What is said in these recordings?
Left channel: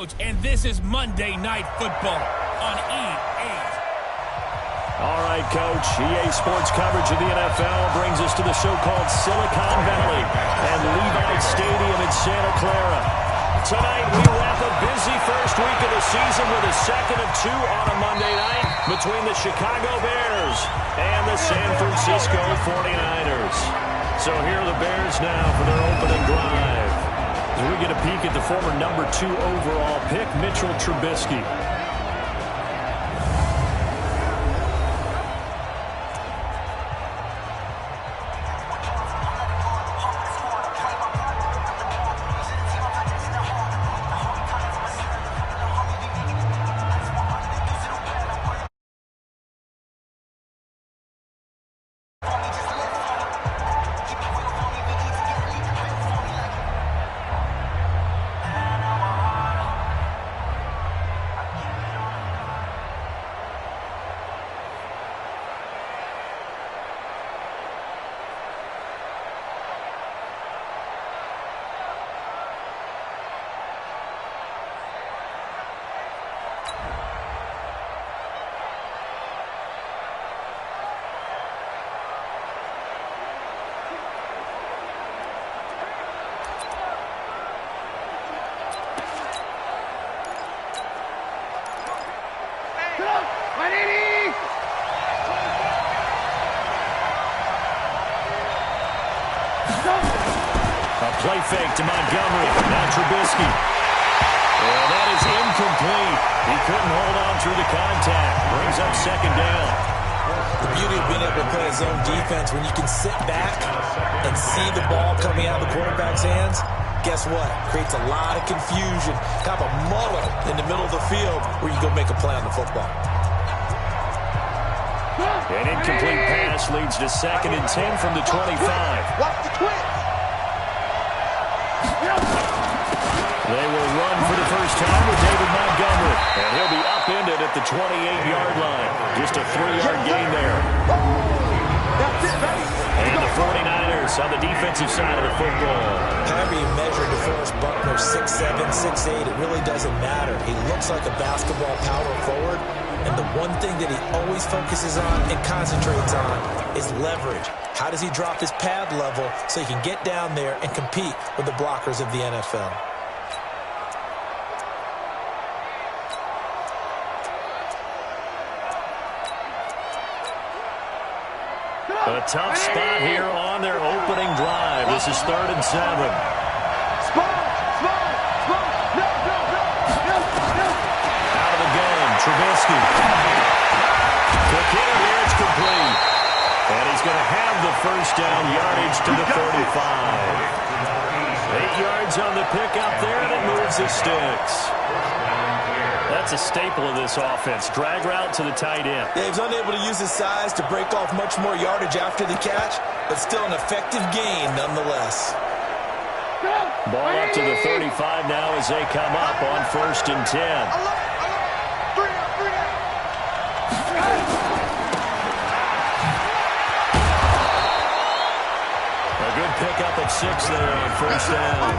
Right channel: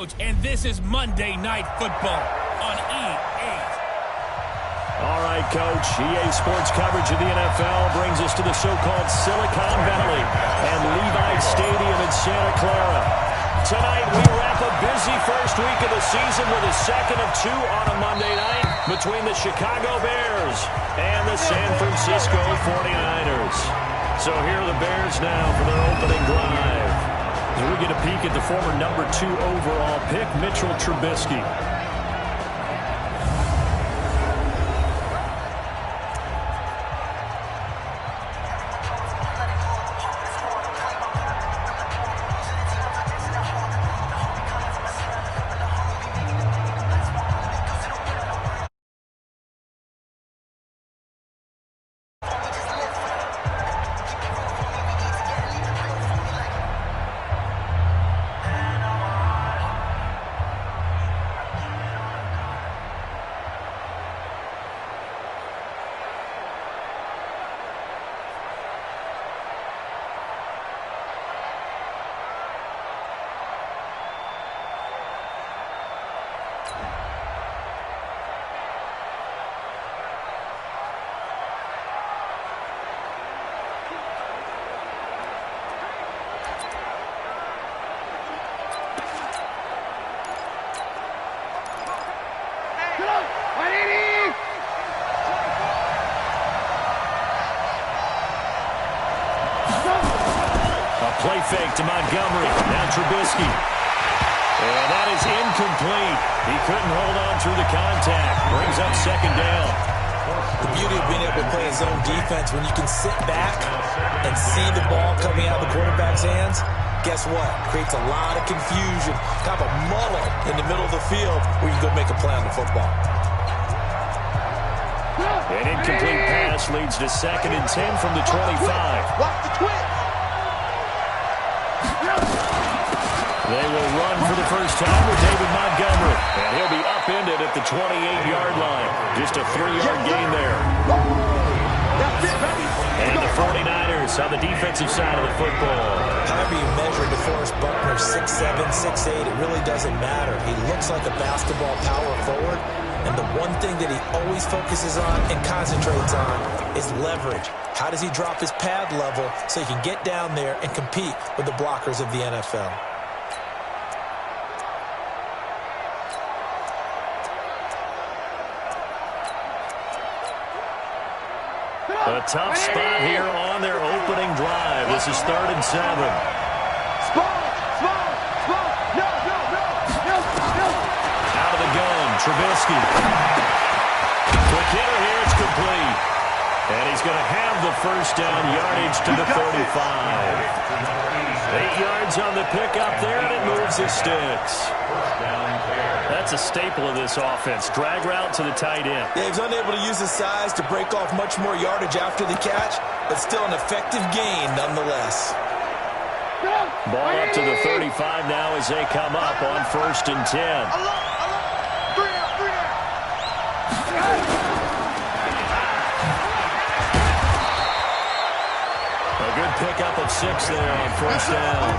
And this is Monday Night Football on E8. All right, Coach. EA Sports coverage of the NFL brings us to the so-called Silicon Valley and Levi's Stadium in Santa Clara. Tonight, we wrap a busy first week of the season with a second of two on a Monday night between the Chicago Bears and the San Francisco 49ers. So here are the Bears now for their opening drive. As we get a peek at the former number 2 overall pick, Mitchell Trubisky. A play fake to Montgomery. Now Trubisky. And that is incomplete. He couldn't hold on through the contact. Brings up second down. The beauty of being able to play a zone defense, when you can sit back and see the ball coming out of the quarterback's hands, guess what? Creates a lot of confusion. Kind of a muddle in the middle of the field where you go make a play on the football. An incomplete pass leads to 2nd and 10 from the 25. Watch the twitch. They will run for the first time with David Montgomery. And he'll be upended at the 28-yard line. Just a 3-yard gain there. That's it, baby. And the 49ers on the defensive side of the football. However you measure DeForest Buckner, 6'7", 6'8", it really doesn't matter. He looks like a basketball power forward. And the one thing that he always focuses on and concentrates on is leverage. How does he drop his pad level so he can get down there and compete with the blockers of the NFL? A tough spot here on their opening drive. This is 3rd and 7. Spot. No. Out of the gun, Trubisky. Quick hitter here, it's complete. And he's going to have the first down, yardage to the 35. 8 yards on the pickup there, and it moves the sticks. That's a staple of this offense. Drag route to the tight end. Yeah, he was unable to use his size to break off much more yardage after the catch, but still an effective gain nonetheless. Ball up to the 35 now as they come up on 1st and 10. Three down. A good pickup of 6 there on 1st down.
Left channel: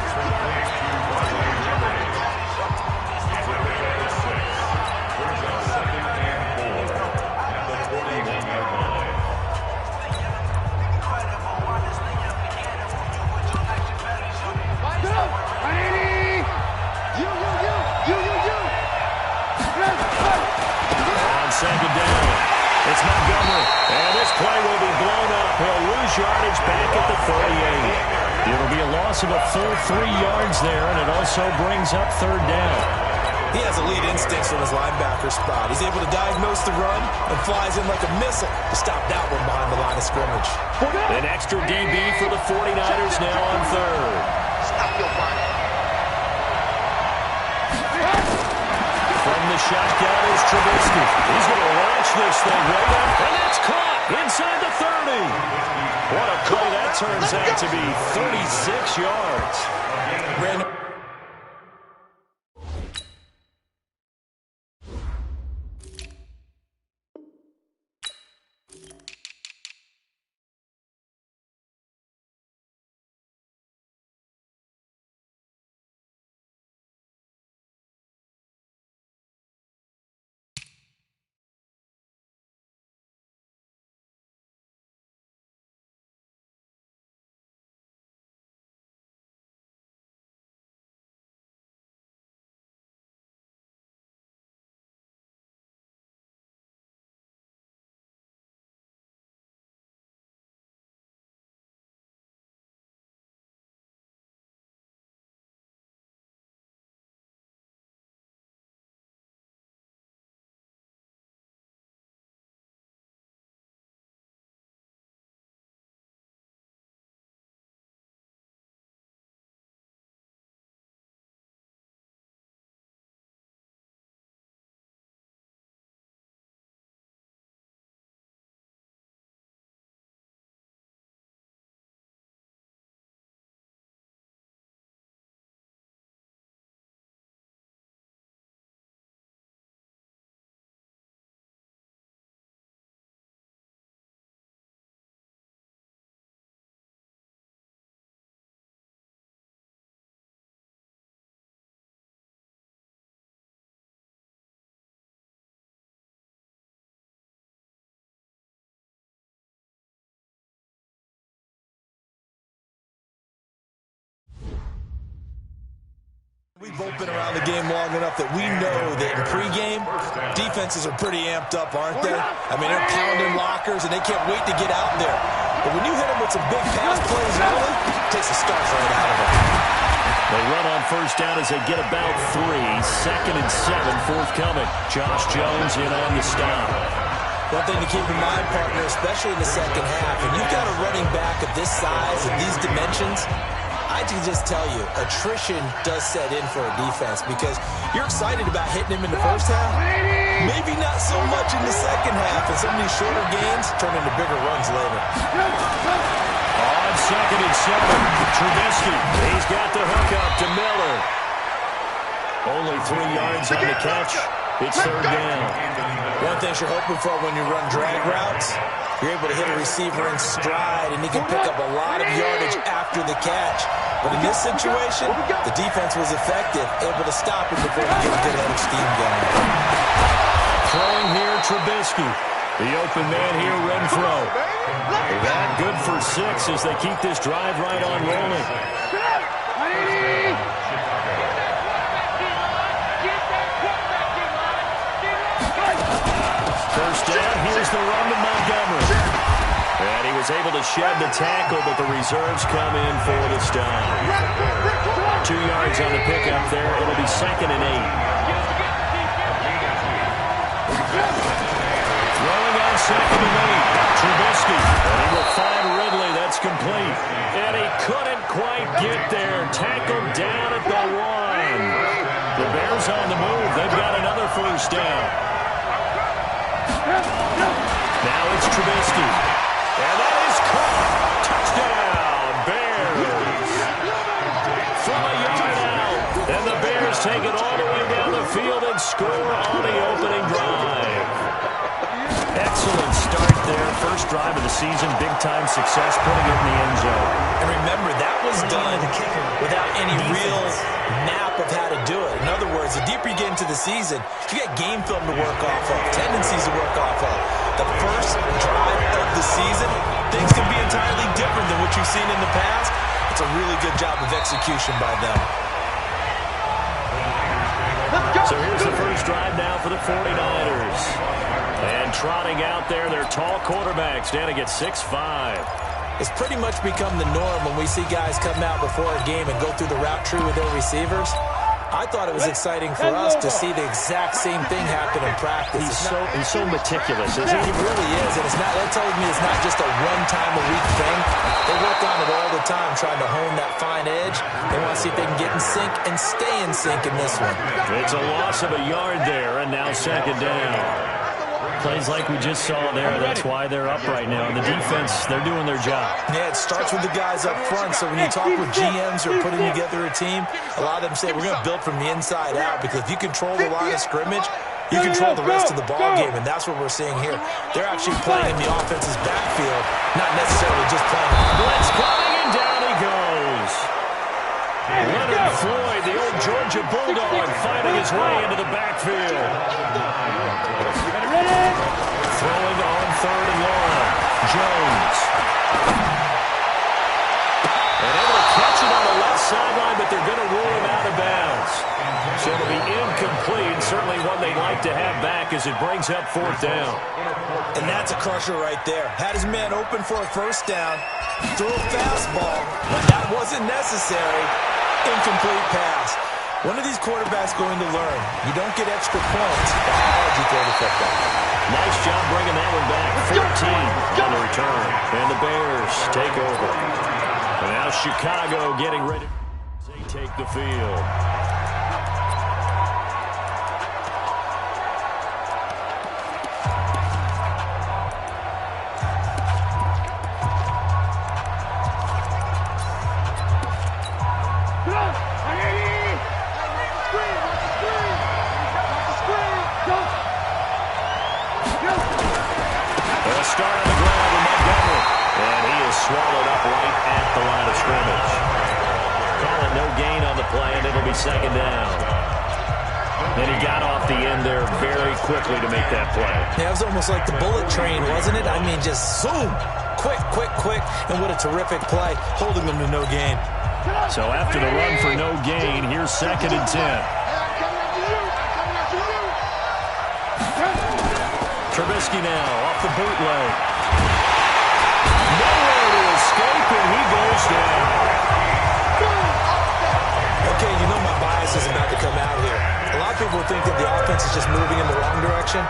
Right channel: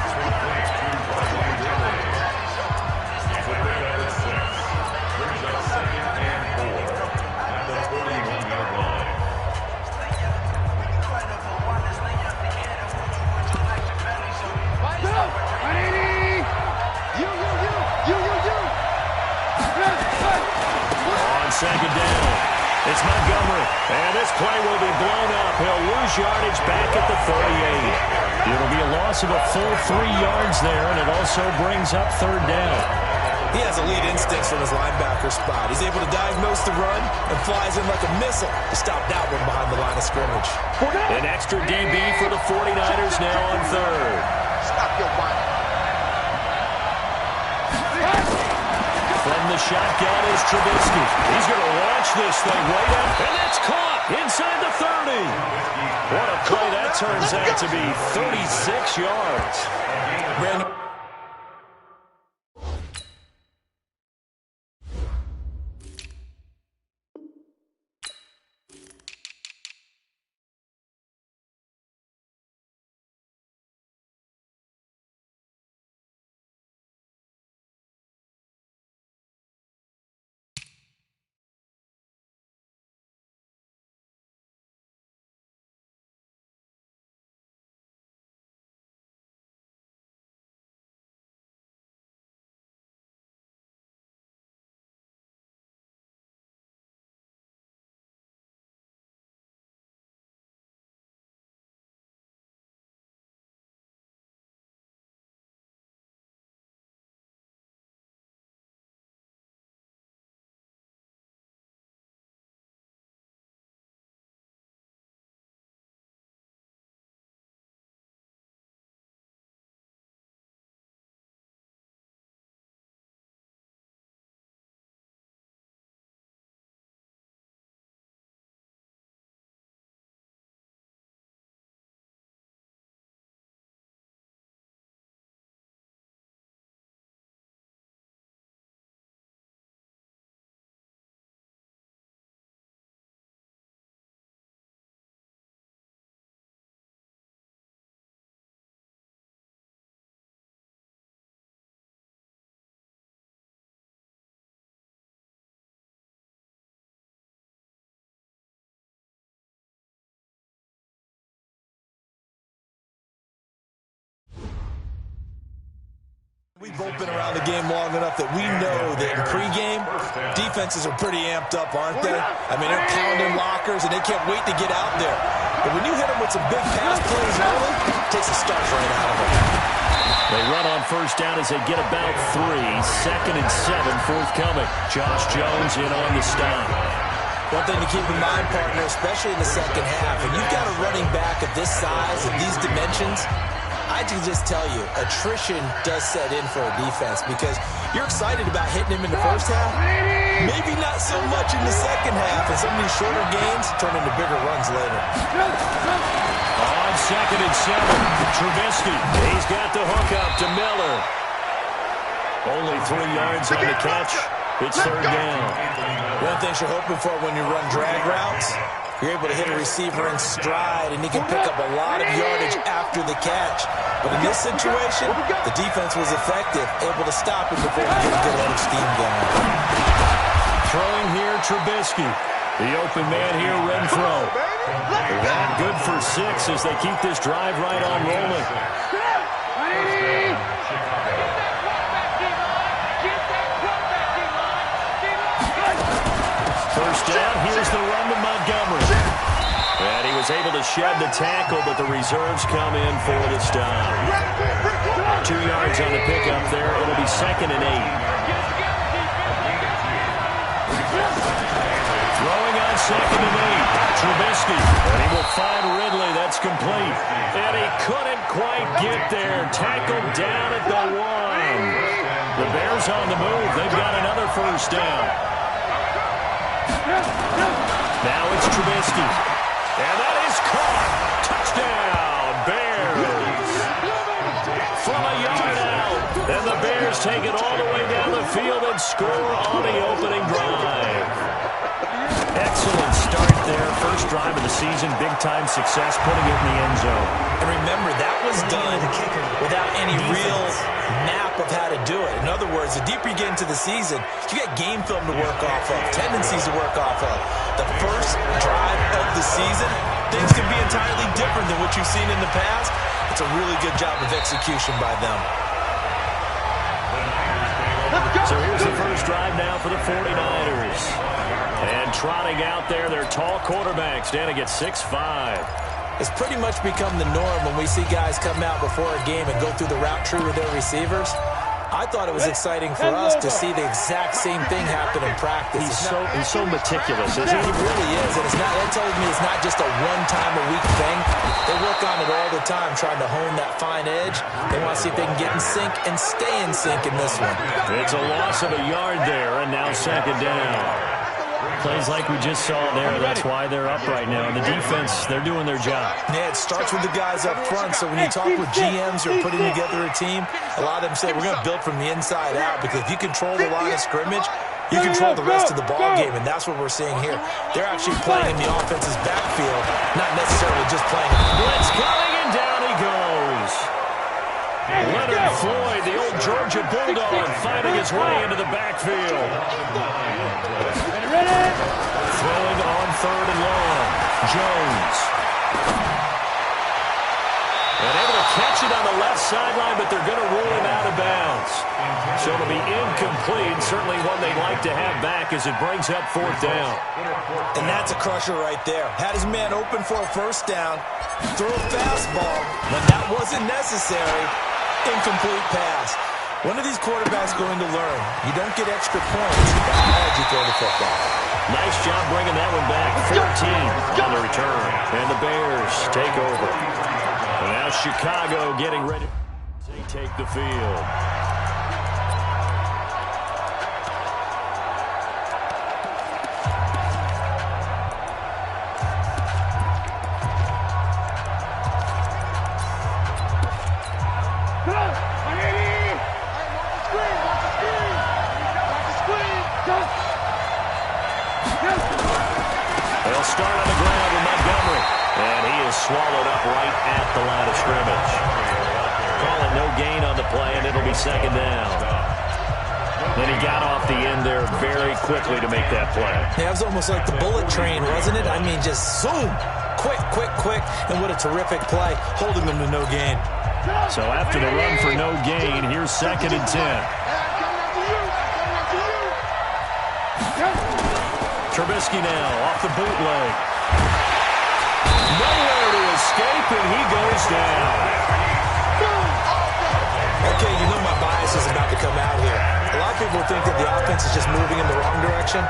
On 2nd down, it's Montgomery, and this play will be blown up. He'll lose yardage back at the 38. It'll be a loss of a full 3 yards there, and it also brings up 3rd down. He has elite instincts from his linebacker spot. He's able to diagnose the run and flies in like a missile to stop that one behind the line of scrimmage. An extra DB for the 49ers now on 3rd. Stop your whining. From the shotgun is Trubisky. He's going to launch this thing right up, and it's caught inside the 30. What a play that turns out to be, 36 yards. Brandon We've both been around the game long enough that we know that in pregame, defenses are pretty amped up, aren't they? I mean, they're pounding lockers, and they can't wait to get out there. But when you hit them with some big pass plays early, it takes the starch right out of them. They run on first down as they get about 3. 2nd and 7 forthcoming. Josh Jones in on the stop. One thing to keep in mind, partner, especially in the second half, when you've got a running back of this size and these dimensions, I can just tell you, attrition does set in for a defense because you're excited about hitting him in the first half. Maybe not so much in the second half, and some of these shorter gains turn into bigger runs later. On 2nd and 7, Trubisky. He's got the hook up to Miller. Only 3 yards on the catch. It's 3rd down. One thing you're hoping for when you run drag routes, you're able to hit a receiver in stride, and he can pick up a lot of yardage after the catch. But in this situation, the defense was effective, able to stop him before he get a good head of steam going. Throwing here, Trubisky. The open man here, Renfro. That good for 6 as they keep this drive right on rolling. First down, here's the run to Montgomery. And he was able to shed the tackle, but the reserves come in for the stop. 2 yards on the pickup there. It'll be 2nd and 8. Throwing on 2nd and 8. Trubisky. And he will find Ridley. That's complete. And he couldn't quite get there. Tackled down at the 1. The Bears on the move. They've got another first down. Now it's Trubisky. And that is caught. Touchdown, Bears. From a yard out. And the Bears take it all the way down the field and score on the opening drive. Excellent start there. First drive of the season. Big-time success, putting it in the end zone. And remember, that was done without any real map of how to do it. In other words, the deeper you get into the season, you got game film to work off of, tendencies to work off of. The first drive of the season, things can be entirely different than what you've seen in the past. It's a really good job of execution by them. So here's the first drive now for the 49ers. And trotting out there, their tall quarterback standing at 6'5". It's pretty much become the norm when we see guys come out before a game and go through the route tree with their receivers. I thought it was exciting for us to see the exact same thing happen in practice. He's so meticulous, isn't he? He really is, and that tells me it's not just a one-time-a-week thing. They work on it all the time, trying to hone that fine edge. They want to see if they can get in sync and stay in sync in this one. It's a loss of a yard there, and now 2nd down. Plays like we just saw there. That's why they're up right now. And the defense, they're doing their job. Yeah, it starts with the guys up front. So when you talk with GMs who are putting together a team, a lot of them say we're going to build from the inside out, because if you control the line of scrimmage, you control the rest of the ball game, and that's what we're seeing here. They're actually playing in the offense's backfield, not necessarily just playing. Blitz coming, and down he goes. Leonard Floyd, the old Georgia Bulldog, finding his way into the backfield. Throwing on 3rd and long. Jones. And able to catch it on the left sideline, but they're going to rule him out of bounds. So it'll be incomplete. Certainly one they'd like to have back as it brings up 4th down. And that's a crusher right there. Had his man open for a first down, threw a fastball. When that wasn't necessary, incomplete pass. When are these quarterbacks going to learn? You don't get extra points by how hard you throw the football. Nice job bringing that one back. 14 on the return. And the Bears take over. And now Chicago getting ready. They take the field. They'll start on the ground with Montgomery. And he is swallowed up right at the line of scrimmage. Call it no gain on the play, and it'll be 2nd down. And he got off the end there very quickly to make that play. Yeah, it was almost like the bullet train, wasn't it? I mean, just zoom. Quick, and what a terrific play, holding them to no gain. So after the run for no gain, here's 2nd and 10. Trubisky now off the bootleg. Nowhere to escape, and he goes down. Okay, you know my bias is about to come out here. A lot of people think that the offense is just moving in the wrong direction.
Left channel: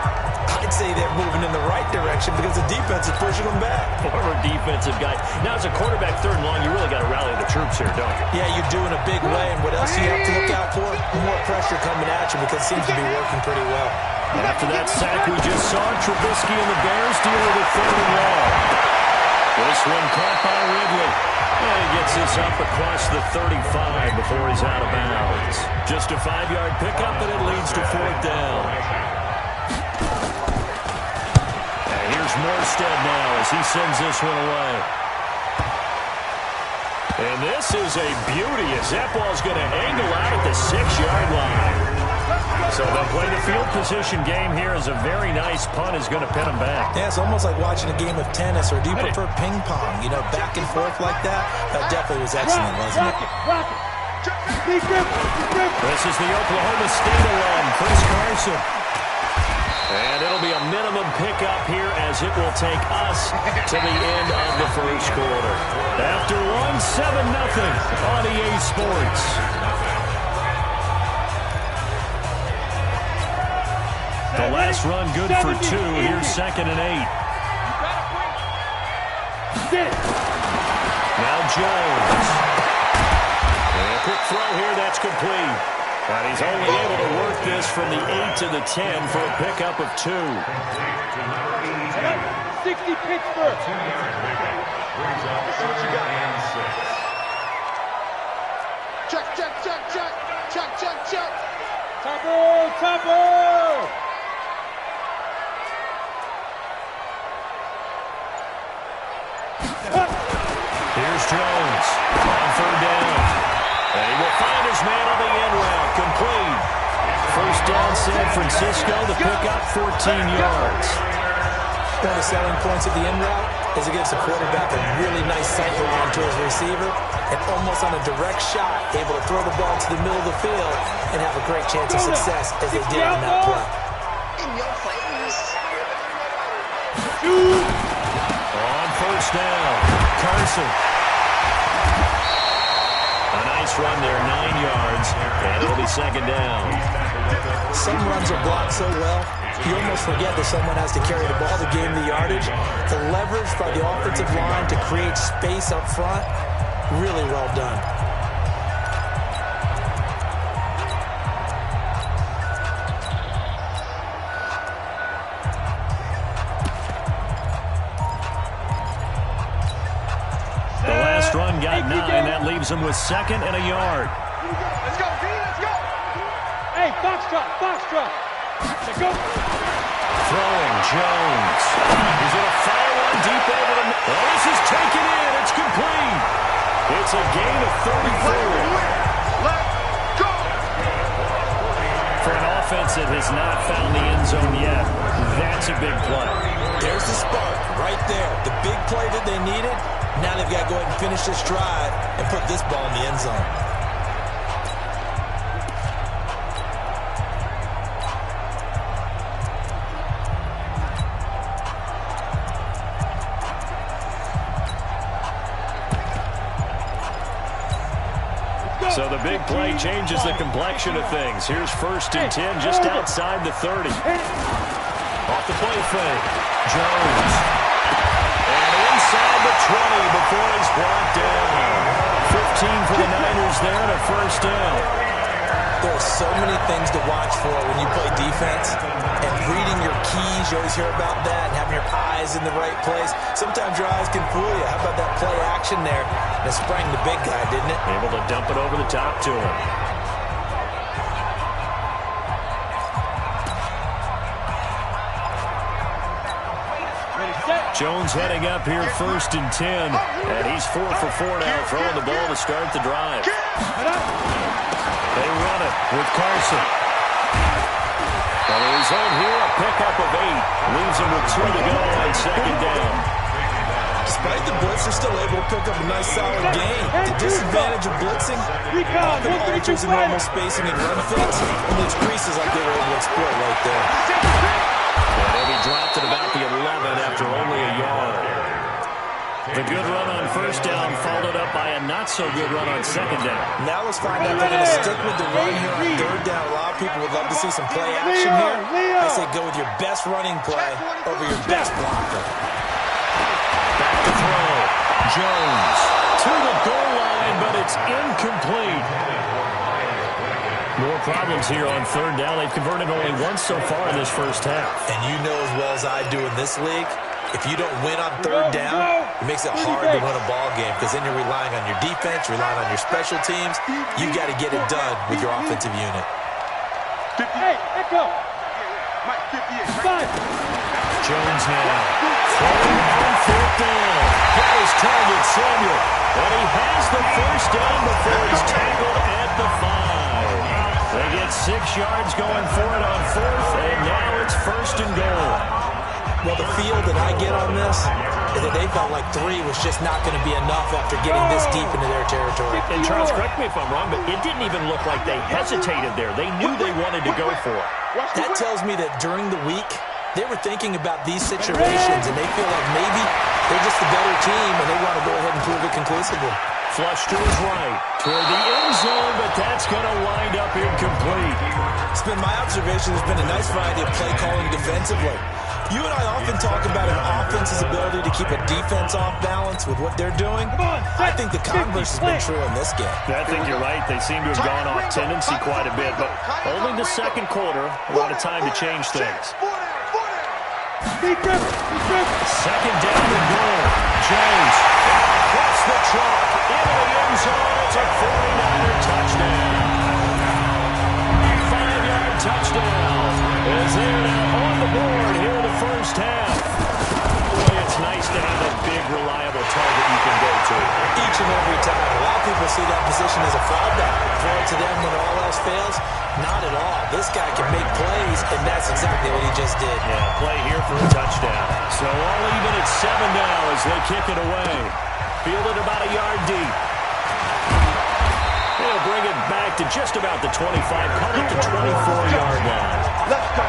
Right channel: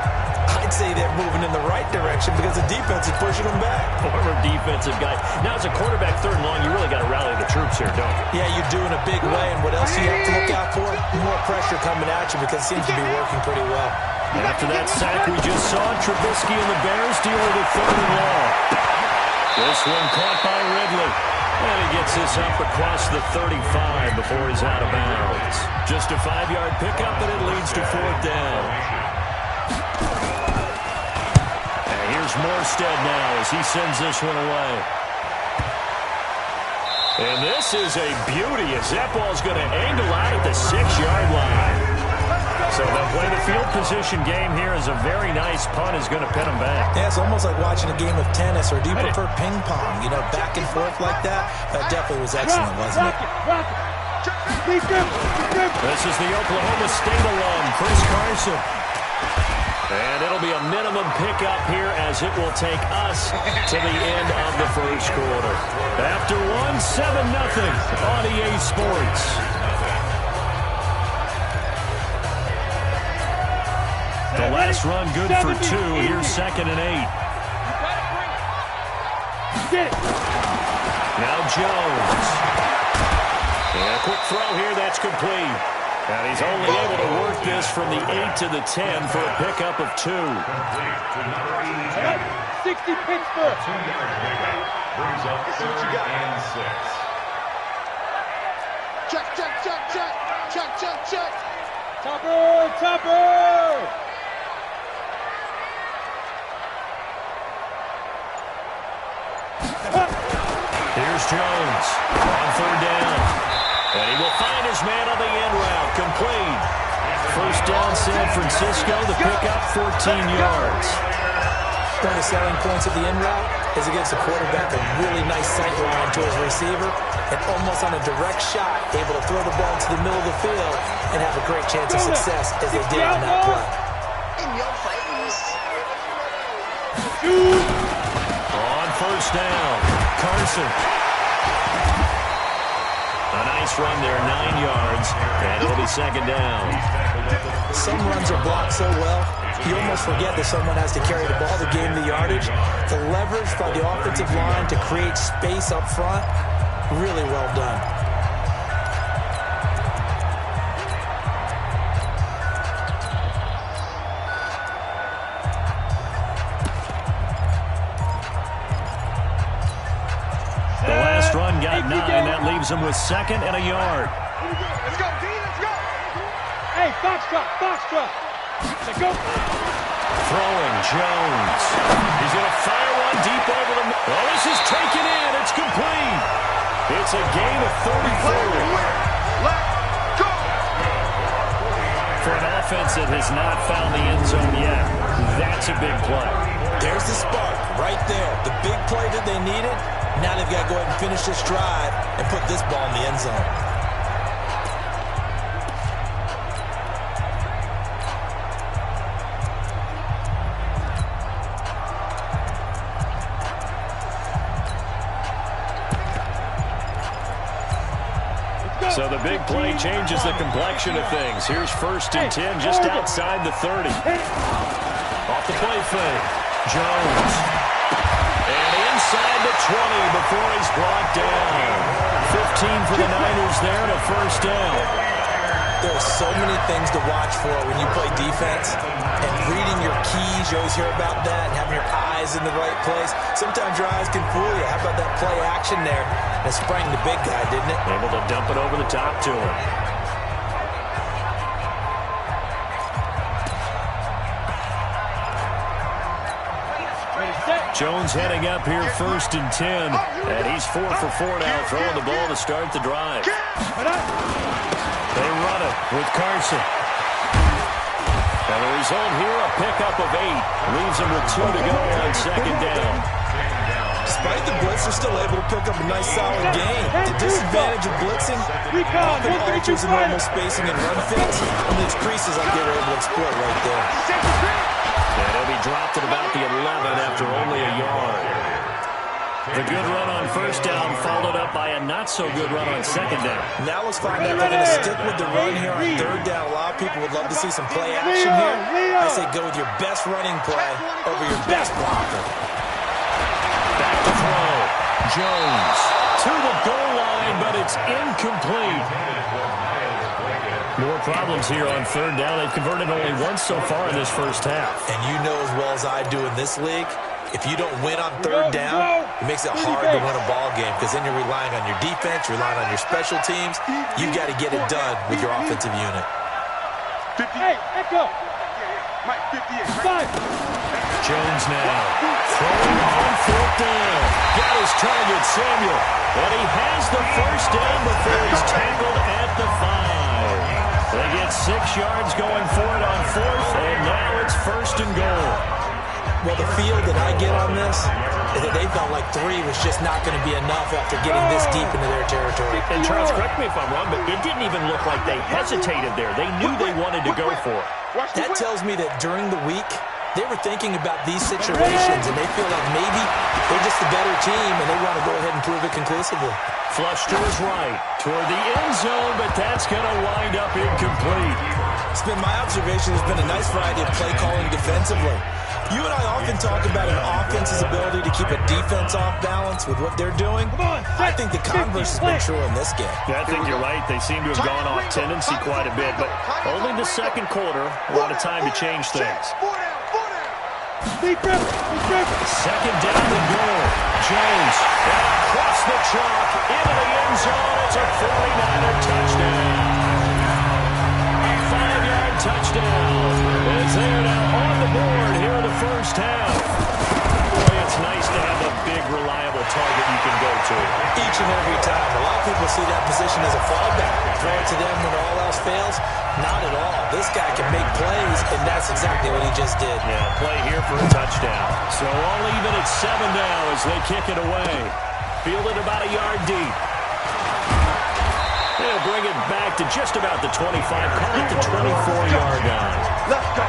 I'd say they're moving in the right direction because the defense is pushing them back. Former defensive guy. Now, as a quarterback, 3rd and long, you really got to rally the troops here, don't you? Yeah, you do in a big way. And what else do you have to look out for? More pressure coming at you because it seems to be working pretty well. After that sack we just saw, Trubisky and the Bears deal with a 3rd and long. This one caught by Ridley. And he gets this up across the 35 before he's out of bounds. Just a 5-yard pickup, and it leads to 4th down. And here's Morstead now as he sends this one away. And this is a beauty as that ball's going to angle out at the 6-yard line. So they'll play the field position game here as a very nice punt is going to pin them back. Yeah, it's almost like watching a game of tennis, or do you prefer ping pong? You know, back and forth like that? That definitely was excellent, wasn't it? This is the Oklahoma State alum, Chris Carson. And it'll be a minimum pickup here as it will take us to the end of the 1st quarter. After 7-0 on EA Sports. The last run good for 2. Here's 2nd and 8. Now Jones. And a quick throw here. That's complete. And he's only able to work this from the 8 to the 10 for a pickup of 2. 60 Pittsburgh. Let's see what you got. Check. Topper. Here's Jones on 3rd down. And he will find his man on the end route. Complete. 1st down San Francisco. The pickup 14 yards. One of the selling points of the end route is it gives the quarterback a really nice sight line to his receiver and almost on a direct shot able to throw the ball to the middle of the field and have a great chance of success as they did on that play. In your face. On 1st down, Carson. A nice run there, 9 yards, and it'll be 2nd down. Some runs are blocked so well, you almost forget that someone has to carry the ball to gain the yardage. The leverage by the offensive line to create space up front, really well done. Run got 9. That leaves him with 2nd and a yard. Let's go, D. Let's go. Hey, Foxtrot. Let's go. Throwing Jones. He's going to fire one deep over the middle. Oh, this is taken in. It's complete. It's a gain of 34. Let's go. For an offense that has not found the end zone yet, that's a big play. There's the spark right there. The big play that they needed. Now they've got to go ahead and finish this drive and put this ball in the end zone. So the big play changes the complexion of things. Here's 1st and 10 just outside the 30. Off the play fake. Jones. And inside the 20 before he's brought down. 15 for the Niners there and a 1st down. There are so many things to watch for when you play defense. And reading your keys, you always hear about that, and having your eyes in the right place. Sometimes your eyes can fool you. How about that play action there? And it sprang the big guy, didn't it? Able to dump it over the top to him. Jones heading up here 1st and 10. And he's 4 for 4 now, throwing the ball to start the drive. They run it with Carson. And the result here, a pickup of 8. Leaves him with 2 to go on 2nd down. Despite the blitz, they're still able to pick up a nice solid gain. The disadvantage of blitzing often alters the normal spacing and run fits, and leaves creases like they were able to exploit right there. And he'll be dropped at about the 11 after only a yard. The good run on first down followed up by a not-so-good run on second down. Now let's find out if they're going to stick with the run here on third down. A lot of people would love to see some play action here. I say go with your best running play over your best blocker. Back to throw. Jones to the goal line, but it's incomplete. More problems here on third down. They've converted only once so far in this first half. And you know as well as I do in this league, if you don't win on third down, it makes it hard to win a ball game because then you're relying on your defense, you're relying on your special teams. You've got to get it done with your offensive unit. 58, echo. Mike, 58. Jones now throwing on fourth down. Got his target, Samuel. And he has the first down before he's tackled at the 5. They get 6 yards going for it on fourth, and now it's first and goal. Well, the feel that I get on this is that they felt like 3 was just not going to be enough after getting this deep into their territory. And Charles, correct me if I'm wrong, but it didn't even look like they hesitated there. They knew they wanted to go for it. That tells me that during the week, they were thinking about these situations, and they feel like maybe they're just the better team, and they want to go ahead and prove it conclusively. Flush to his right, toward the end zone, but that's going to wind up incomplete. It's been my observation there's been a nice variety of play calling defensively. You and I often talk about an offense's ability to keep a defense off balance with what they're doing. I think the converse has been true in this game. I think you're right. They seem to have gone off tendency quite a bit, but only the second quarter, a lot of time to change things. Second down and goal. Jones across the chalk into the end zone. It's a 49er touchdown. A 5-yard touchdown is there now on the board here in the first half. Boy, it's nice to have a big, reliable target you can go to. Each and every time. A lot of people see that position as a fallback. Throw it to them when all else fails. Not at all. This guy can make plays, and that's exactly what he just did. Yeah, play here for a touchdown. So all even at 7 now as they kick it away. Fielded about a yard deep. They'll bring it back to just about the 25. Call it the 24-yard line. Let's go.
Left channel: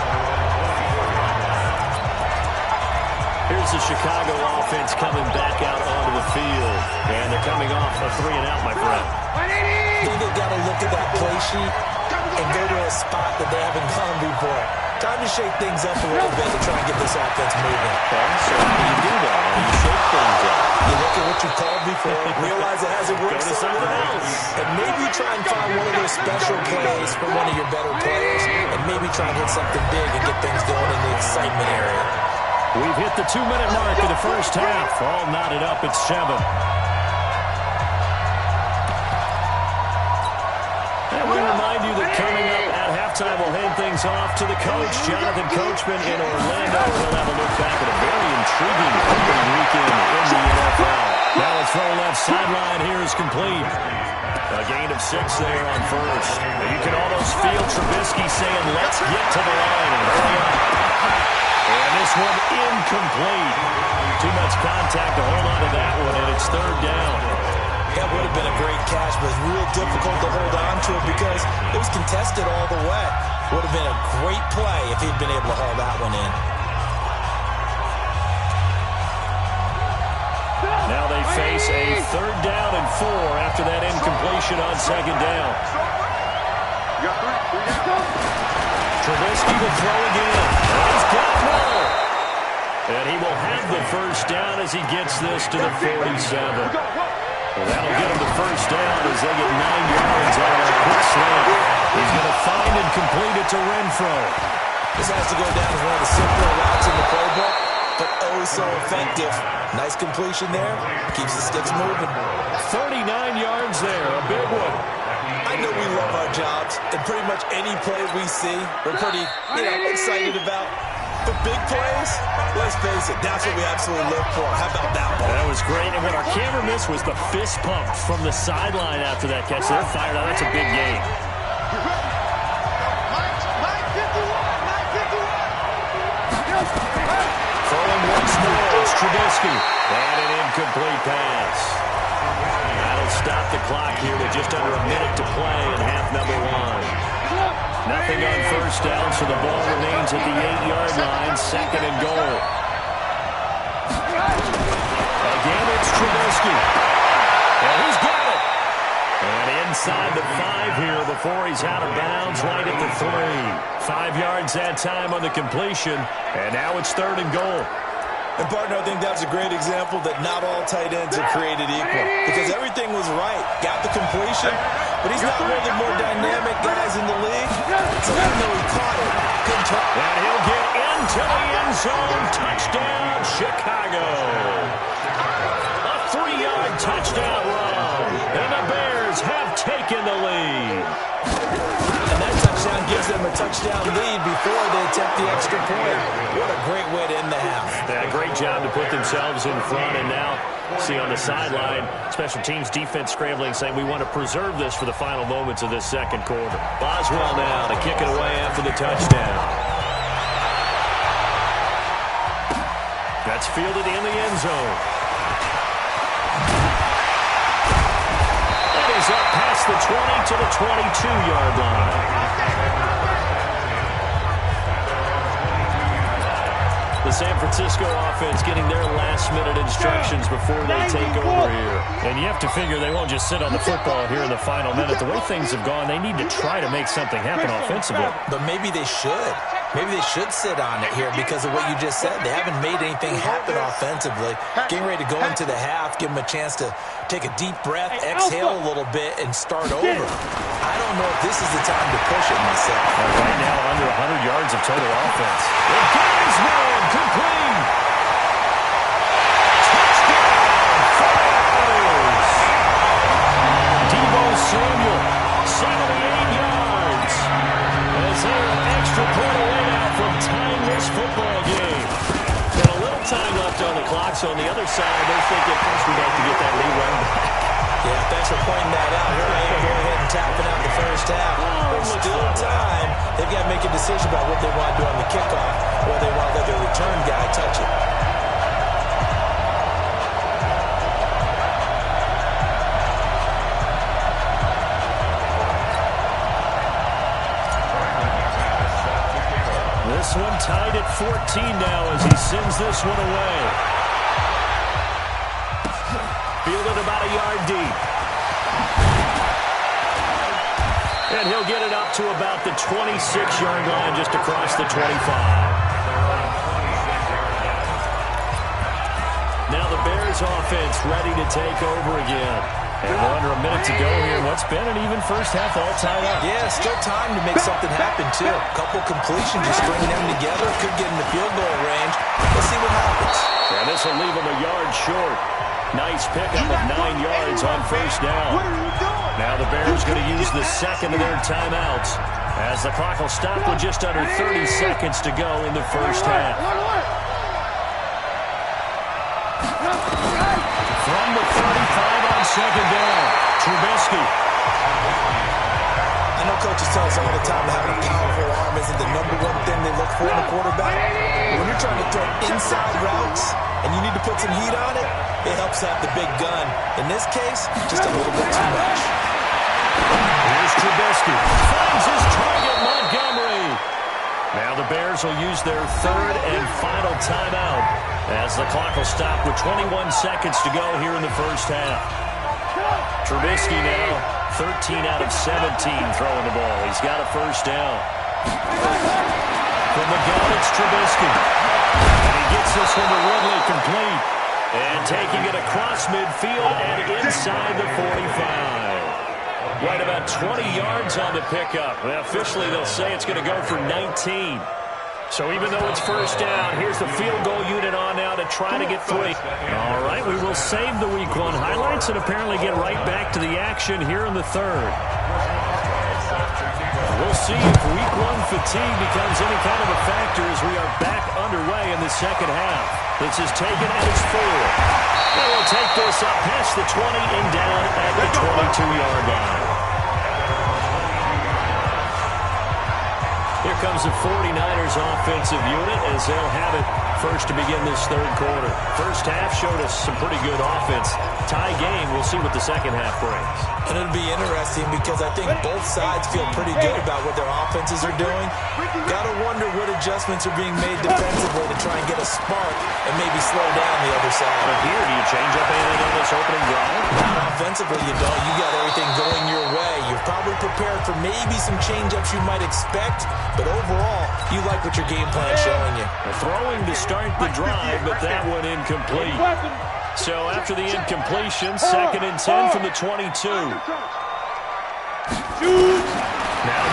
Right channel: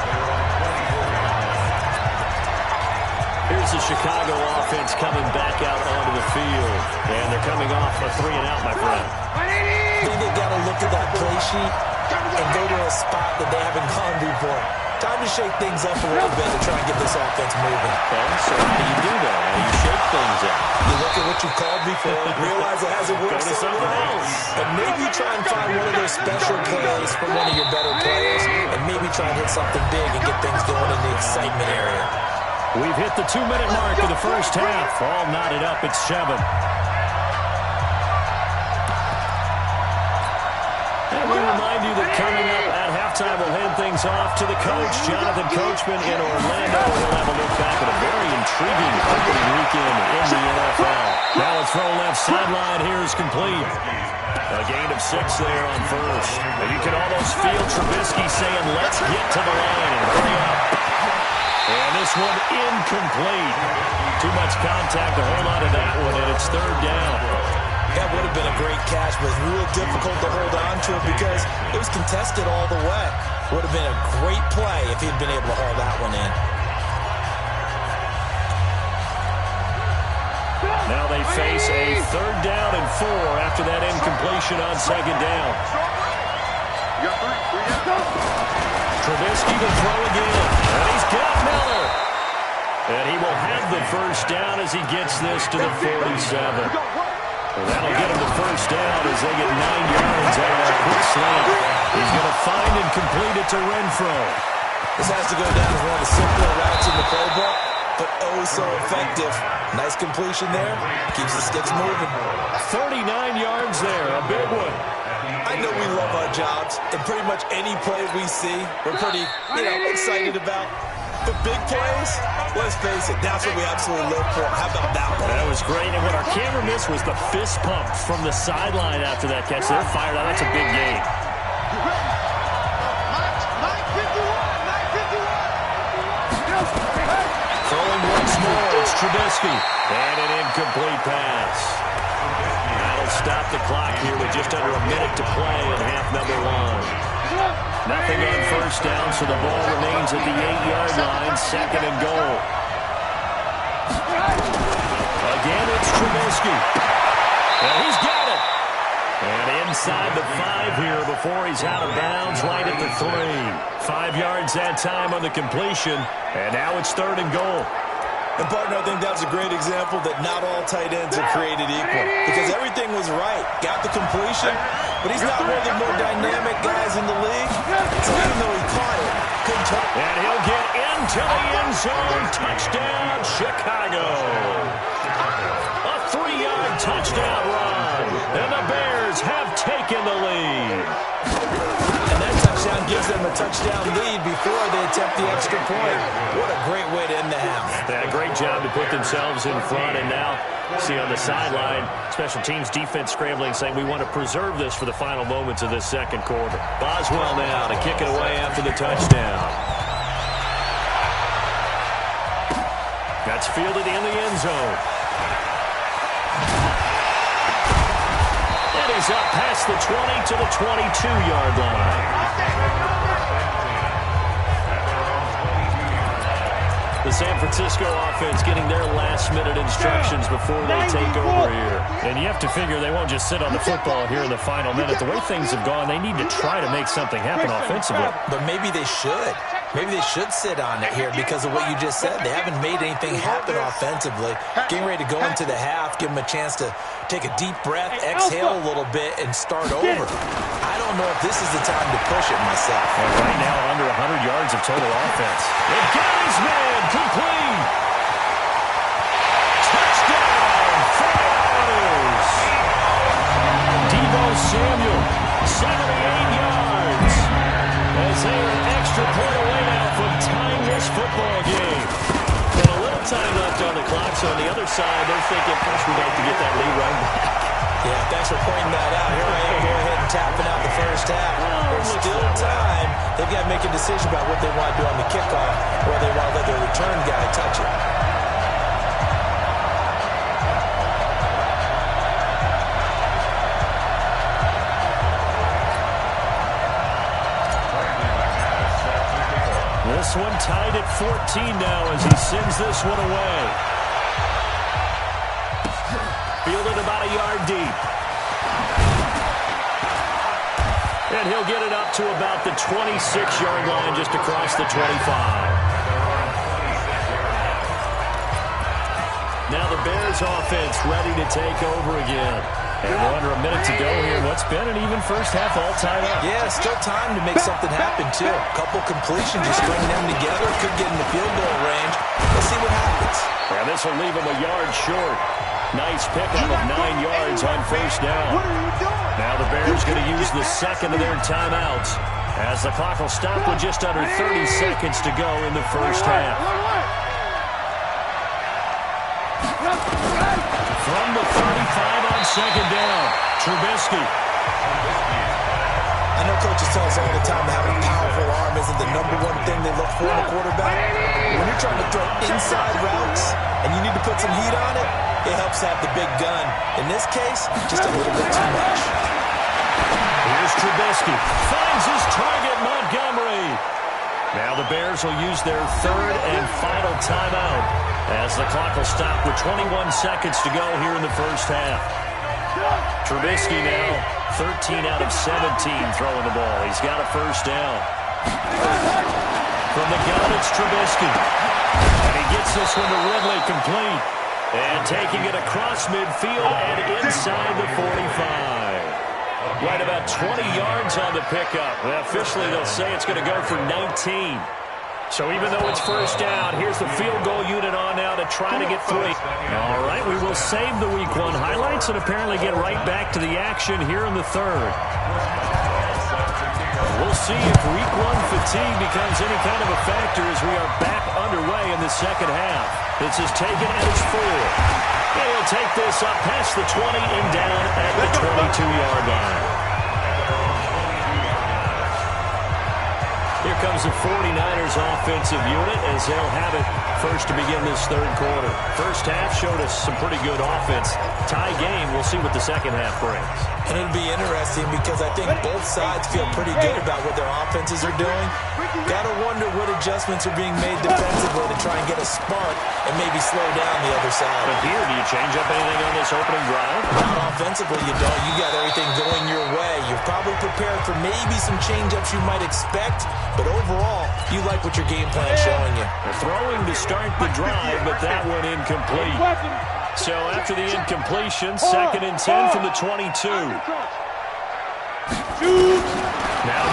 Here's the Chicago offense coming back out onto the field. And they're coming off a 3-and-out, my friend. I think they've got to look at that play sheet and go to a spot that they haven't gone before. Time to shake things up a little bit to try and get this offense moving. Okay, so how do you do that? How do you shake things up? You look at what you called before, realize it hasn't worked Go to something else. and maybe try and find one of those special plays from one of your better players, and maybe try and hit something big and get things going in the excitement area. We've hit the 2-minute mark of the first half. All knotted up at 7. And we remind you that coming up at halftime, we'll hand things off to the coach, Jonathan Coachman in Orlando. He'll have a look back at a very intriguing opening weekend in the NFL. Now a throw left sideline here is complete. A gain of 6 there on first. And you can almost feel Trubisky saying, let's get to the line and hurry up. And this one incomplete. Too much contact to hold on to that one, and it's third down. That would have been a great catch, but it's real difficult to hold on to it because it was contested all the way. Would have been a great play if he'd been able to haul that one in. Now they face a 3rd down and 4 after that incompletion on 2nd down. You got 3 down. Trubisky to throw again. And he's got Miller. And he will have the first down as he gets this to the 47. Well, that'll get him the first down as they get 9 yards out of that quick slant. He's going to find and complete it to Renfro. This has to go down as one of the simpler routes in the playbook, but oh so effective. Nice completion there. Keeps the sticks moving. 39 yards there. A big one. I know we love our jobs, and pretty much any play we see, we're pretty, excited about. But big plays, let's face it, that's what we absolutely live for. How about that one? That was great, and what our camera missed was the fist pump from the sideline after that catch. They're fired out. That's a big gain. Mike 51. Throwing once more, it's Trubisky. And an incomplete pass. That'll stop the clock here with just under a minute to play in half number one. Nothing on first down, so the ball remains at the 8-yard line, second and goal. Again, it's Trubisky. And he's got it. And inside the 5 here before he's out of bounds, right at the 3. 5 yards that time on the completion, and now it's third and goal. And, partner, I think that's a great example that not all tight ends are created equal. Because everything was right. Got the completion, but he's not one of the more dynamic guys in the league. So even though he caught it, couldn't turn. And he'll get into the end zone. Touchdown, Chicago. A 3-yard touchdown run. And the Bears have taken the lead. And that touchdown gives them a touchdown lead before they attempt the extra point. What a great way to end the half. Yeah, great job to put themselves in front. And now, see on the sideline, special teams defense scrambling, saying we want to preserve this for the final moments of this second quarter. Boswell now to kick it away after the touchdown. That's fielded in the end zone. And he's up past the 20 to the 22-yard line. The San Francisco offense getting their last-minute instructions before they take over here. And you have to figure they won't just sit on the football here in the final minute. The way things have gone, they need to try to make something happen offensively. But maybe they should. Maybe they should sit on it here because of what you just said. They haven't made anything happen offensively. Getting ready to go into the half, give them a chance to take a deep breath, exhale a little bit, and start over. I don't know if this is the time to push it myself. And right now, under 100 yards of total offense. It got his man complete. Touchdown, 49ers. Deebo Samuel, 78 yards. As they are an extra point away now from tying this football game. And a little time left on the clock, so on the other side, they're thinking, first we'd like to get that lead right back. Yeah, thanks for pointing that out. Here I am, go ahead and tapping out the first half. There's still time. They've got to make a decision about what they want to do on the kickoff, or they want to let their return guy touch it. This one tied at 14 now as he sends this one away. Fielded about a yard deep. And he'll get it up to about the 26-yard line just across the 25. Now the Bears offense ready to take over again. And we're under a minute to go here. What's been an even first half all tied up. Yeah, still time to make something happen, too. A couple completions, you string them together, could get in the field goal range. Let's see what happens. And this will leave them a yard short. Nice pickup of 9 yards on first down. What are you doing? Now the Bears going to use the second of their timeouts as the clock will stop with just under 30 seconds to go in the first half. From the 35 on second down, Trubisky. I know coaches tell us all the time that having a powerful arm isn't the number one thing they look for in a quarterback. When you're trying to throw inside routes and you need to put some heat on it, it helps to have the big gun. In this case, just a little bit too much. Here's Trubisky. Finds his target, Montgomery. Now the Bears will use their third and final timeout as the clock will stop with 21 seconds to go here in the first half. Trubisky now 13 out of 17 throwing the ball. He's got a first down. From the gun, it's Trubisky. And he gets this one to Ridley complete. And taking it across midfield and inside the 45. Right about 20 yards on the pickup. Well, officially, they'll say it's going to go for 19. So even though it's first down, here's the field goal unit on now to try to get 3. All right, we will save the Week 1 highlights and apparently get right back to the action here in the third. We'll see if Week 1 fatigue becomes any kind of a factor as we are back underway in the second half. This is taken at its 4. And he'll take this up past the 20 and down at the 22-yard line. Here comes the 49ers offensive unit as they'll have it first to begin this third quarter. First half showed us some pretty good offense. Tie game, we'll see what the second half brings. And it'll be interesting because I think both sides feel pretty good about what their offenses are doing. Got to wonder what adjustments are being made defensively to try and get a spark and maybe slow down the other side. But here, do you change up anything on this opening drive? Not offensively, you don't. You got everything going your way. You're probably prepared for maybe some change-ups you might expect, but overall, you like what your game plan is showing you. They're throwing to start the drive, but that one incomplete. So after the incompletion, 2nd and 10 from the 22. Now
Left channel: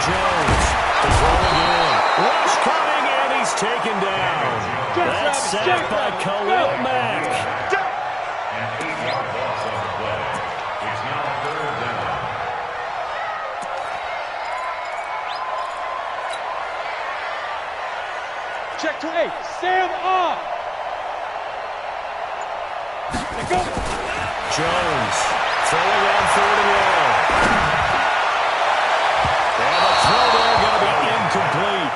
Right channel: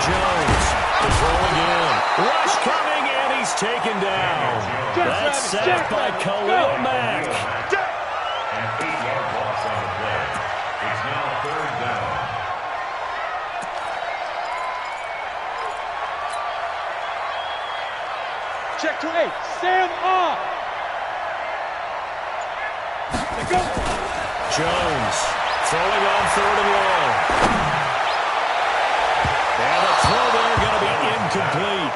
Jones, the throw again. Rush coming, and he's taken down. That's sacked by Khalil Mack. An 8-yard loss on the play. It's now 3rd down. Check to 8. Sam on. Go. Jones throwing on 3rd and long. And the throw there going to be incomplete.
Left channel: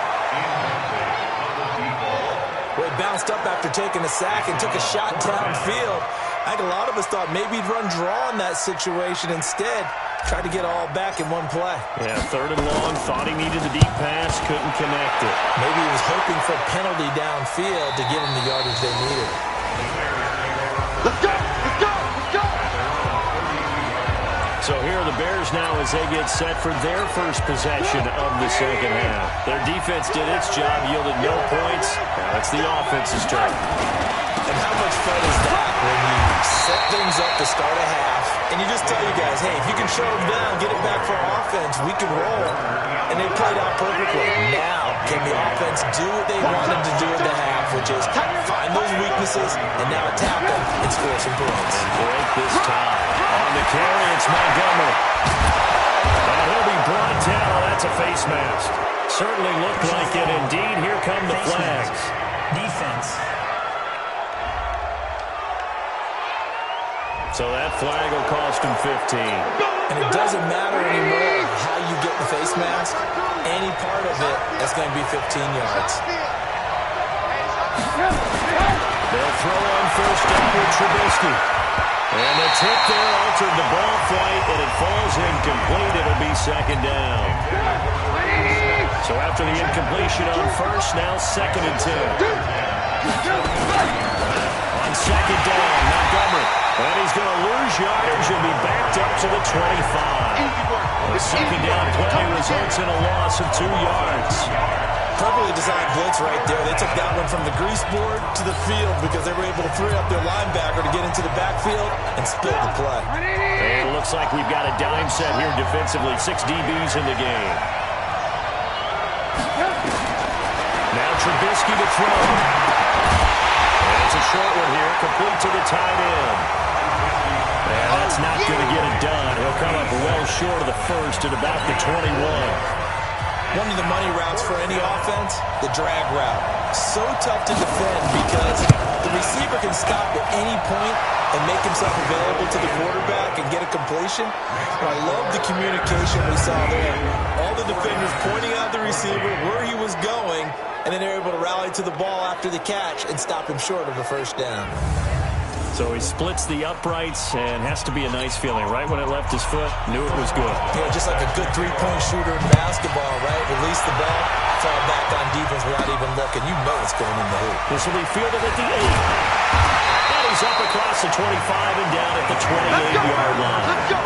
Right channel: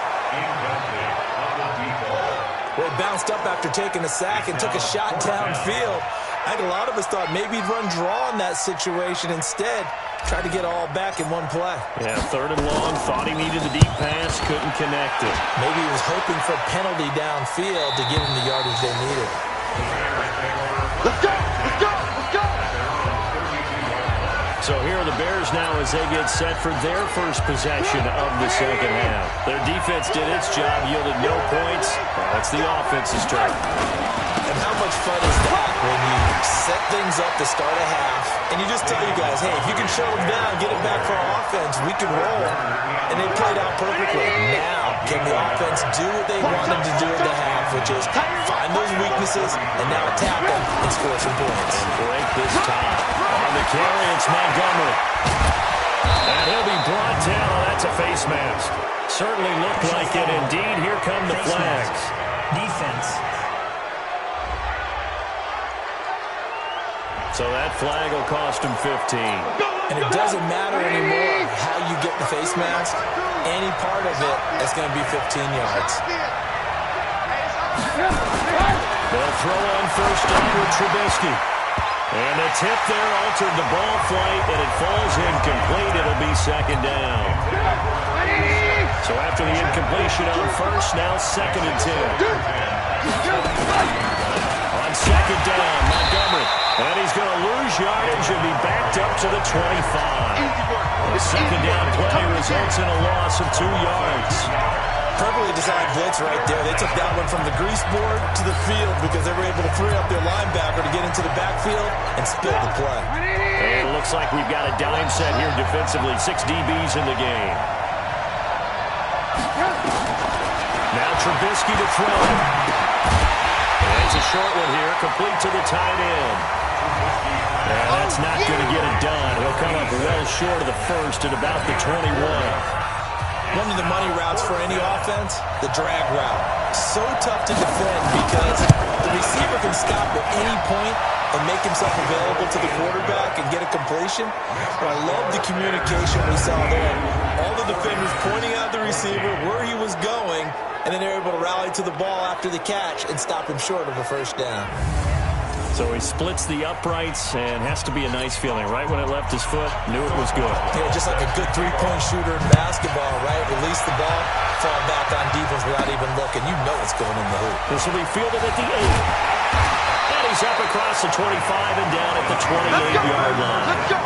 Well, he bounced up after taking a sack and took a shot downfield. I think a lot of us thought maybe he'd run draw in that situation. Instead, tried to get all back in one play. Yeah, 3rd and long. Thought he needed the deep pass. Couldn't connect it. Maybe he was hoping for a penalty downfield to give him the yardage they needed. Let's go! Let's go! Let's go! So here are the Bears now as they get set for their first possession of the second half. Their defense did its job, yielded no points. Now it's the offense's turn. And how much fun is that when you set things up to start a half and you just tell you guys, hey, if you can shut them down, get it back for our offense, we can roll. And they played out perfectly. Now, can the offense do what they wanted to do at the half, which is find those weaknesses and now attack them and score some points. And break this tie. On the carry, it's Montgomery. And he'll be brought down. Oh, that's a face mask. Certainly looked like it. Indeed, here come the flags. Defense. So that flag will cost him 15. And it doesn't matter anymore how you get the face mask. Any part of it is going to be 15 yards. They'll throw on 1st down with Trubisky. And the tip there altered the ball flight, and it falls incomplete. It'll be 2nd down. So after the incompletion on 1st, now 2nd and 10. On 2nd down, Montgomery. And he's going to lose yardage and be backed up to the 25. The 2nd down play results in a loss of 2 yards. Perfectly designed blitz right there. They took that one from the grease board to the field because they were able to free up their linebacker to get into the backfield and spill the play. And it looks like we've got a dime set here defensively. 6 DBs in the game. Now Trubisky to throw. And it's a short one here, complete to the tight end. And that's not going to get it done. He'll come up well short of the 1st at about the 21. One of the money routes for any offense, the drag route. So tough to defend because the receiver can stop at any point and make himself available to the quarterback and get a completion. But I love the communication we saw there. All the defenders pointing out the receiver, where he was going, and then they're able to rally to the ball after the catch and stop him short of a 1st down. So he splits the uprights and has to be a nice feeling. Right when it left his foot, knew it was good. Yeah, just like a good 3-point shooter in basketball, right? Release the ball, fall back on defense without even looking. You know it's going in the hoop. This will be fielded at the 8. And he's up across the 25 and down at the 28-yard line. Let's go.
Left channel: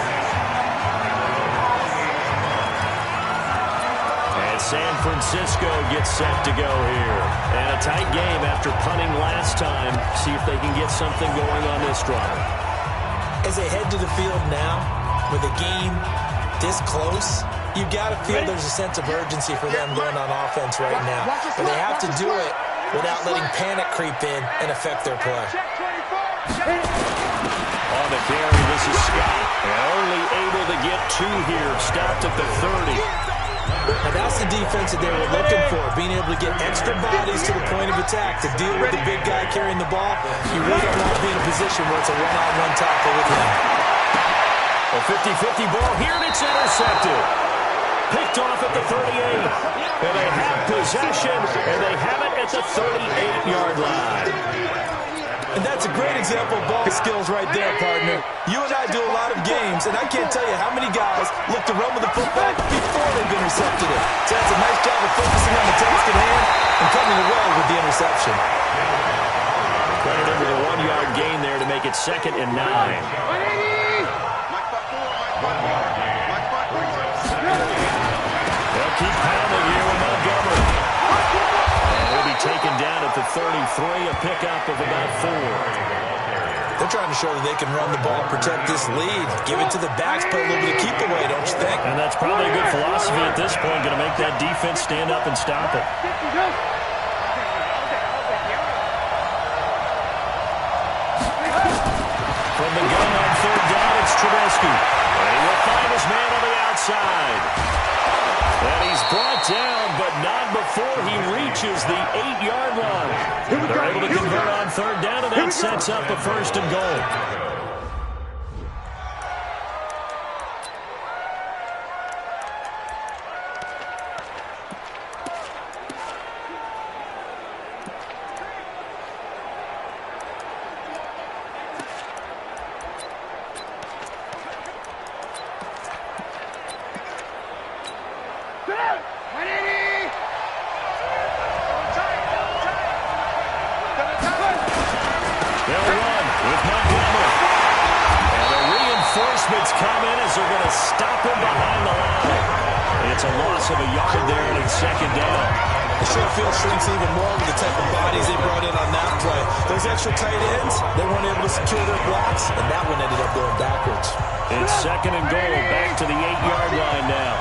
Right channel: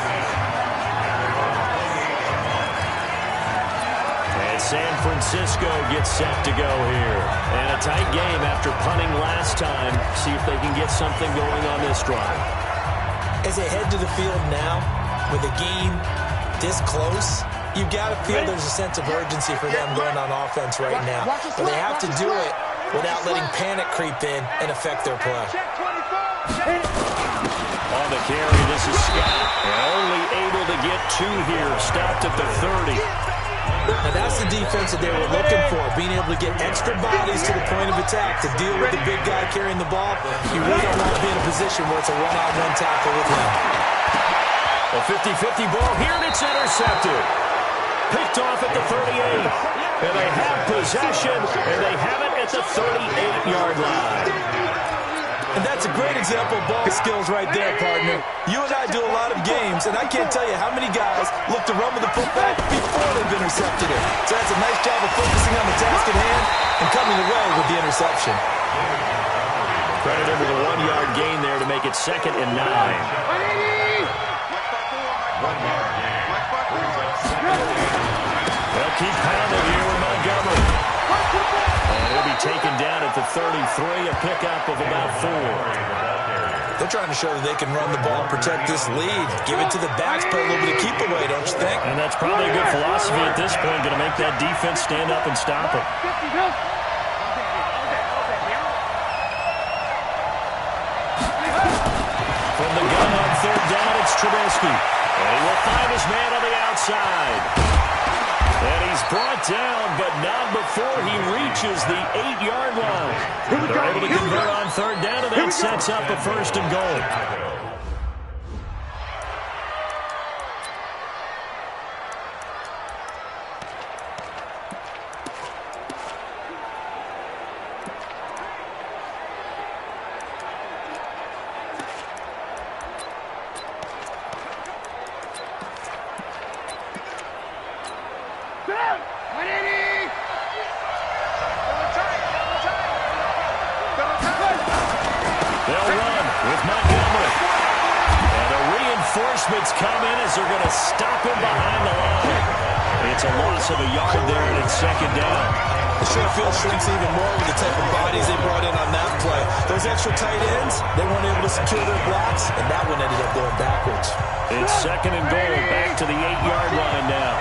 And San Francisco gets set to go here. And a tight game after punting last time. See if they can get something going on this drive. As they head to the field now, with the game this close, you've got to feel there's a sense of urgency for them going on offense right now. But they have to do it without letting panic creep in and affect their play. On the carry, this is Scott. And only able to get 2 here. Stopped at the 30. Now that's the defense that they were looking for, being able to get extra bodies to the point of attack to deal with the big guy carrying the ball. You really don't want to be in a position where it's a one-on-one tackle with him. A 50-50 ball here, and it's intercepted. picked off at the 38. And they have possession, and they have it at the 38-yard line. And that's a great example of ball skills right there, partner. You and I do a lot of games, and I can't tell you how many guys look to run with the football before they've intercepted it. So that's a nice job of focusing on the task at hand and coming away with the interception. Credit him with a 1-yard gain there to make it 2nd and 9. They'll keep pounding here with Montgomery. And he'll be taken down at the 33, a pickup of about 4. They're trying to show that they can run the ball and protect this lead. Give it to the backs, play a little bit of keep away, don't you think? And that's probably a good philosophy at this point, going to make that defense stand up and stop it. From the gun on 3rd down, it's Trubisky. And he will find his man on the outside. And he's brought down, but not before he reaches the 8-yard line. They're able to convert on 3rd down, and that sets up a 1st and goal. They'll run with Montgomery. And the reinforcements come in as they're going to stop him behind the line. It's a loss of a yard there, and it's 2nd down. The short field shrinks even more with the type of bodies they brought in on that play. Those extra tight ends, they weren't able to secure their blocks, and that one ended up going backwards. It's 2nd and goal, back to the 8-yard line now.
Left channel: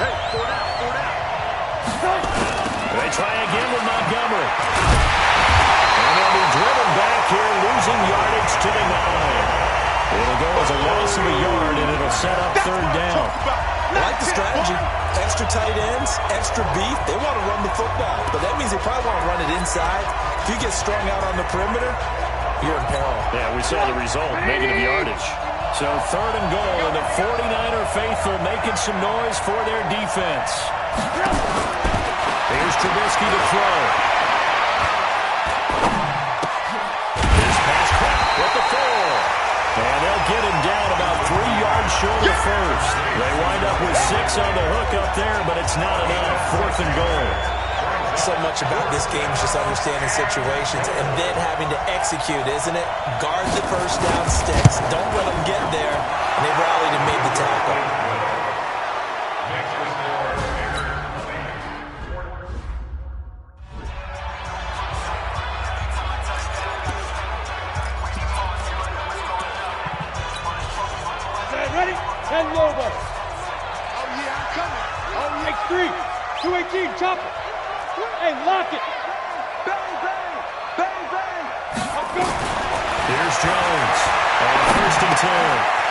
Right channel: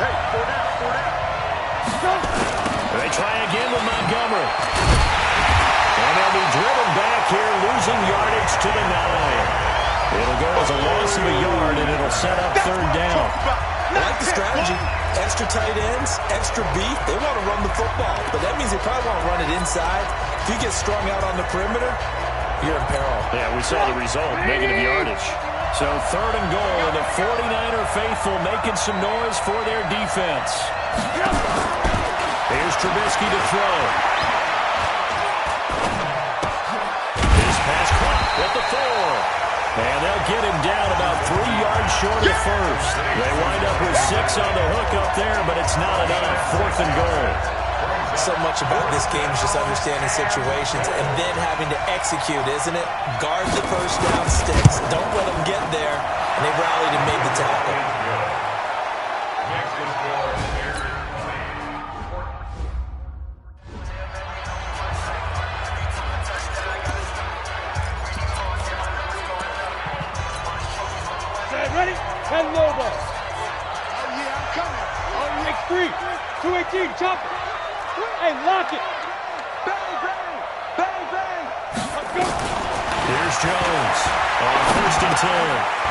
Hey, 4 down. They try again with Montgomery. And they'll be driven back here, losing yardage to the 9. It'll go as a loss of a yard, and it'll set up 3rd down. I like the strategy. Extra tight ends, extra beef. They want to run the football, but that means they probably want to run it inside. If you get strung out on the perimeter, you're in peril. Yeah, we saw the result, negative yardage. So 3rd and goal, and the 49er faithful making some noise for their defense. Here's Trubisky to throw. This pass caught with the 4. And they'll get him down about 3 yards short of the 1st. They wind up with 6 on the hook up there, but it's not enough. 4th and goal. So much about this game is just understanding situations and then having to execute, isn't it? Guard the first down sticks. Don't let them get there. And they rallied and made the tackle. Ready? 10 Lobo. Oh, yeah, I'm coming. Oh, yeah. X3. 218, chopper. Hey, lock it. Bang, bang. Bang, bang. Let's go. Here's Jones on 1st and 10.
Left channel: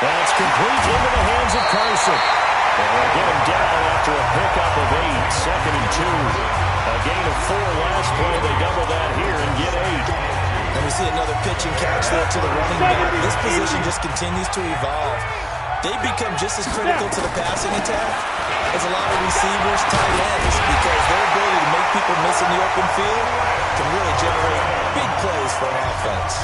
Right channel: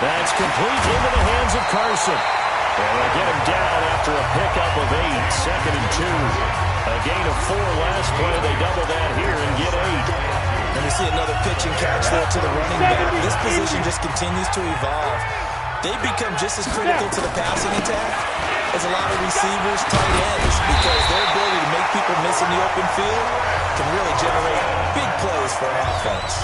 That's complete into the hands of Carson. And they'll get him down after a pickup of 8. 2nd and 2. A gain of 4 last play. They double that here and get 8. And we see another pitch and catch there to the running back. This position just continues to evolve. They become just as critical to the passing attack as a lot of receivers, tight ends, because their ability to make people miss in the open field can really generate big plays for an offense.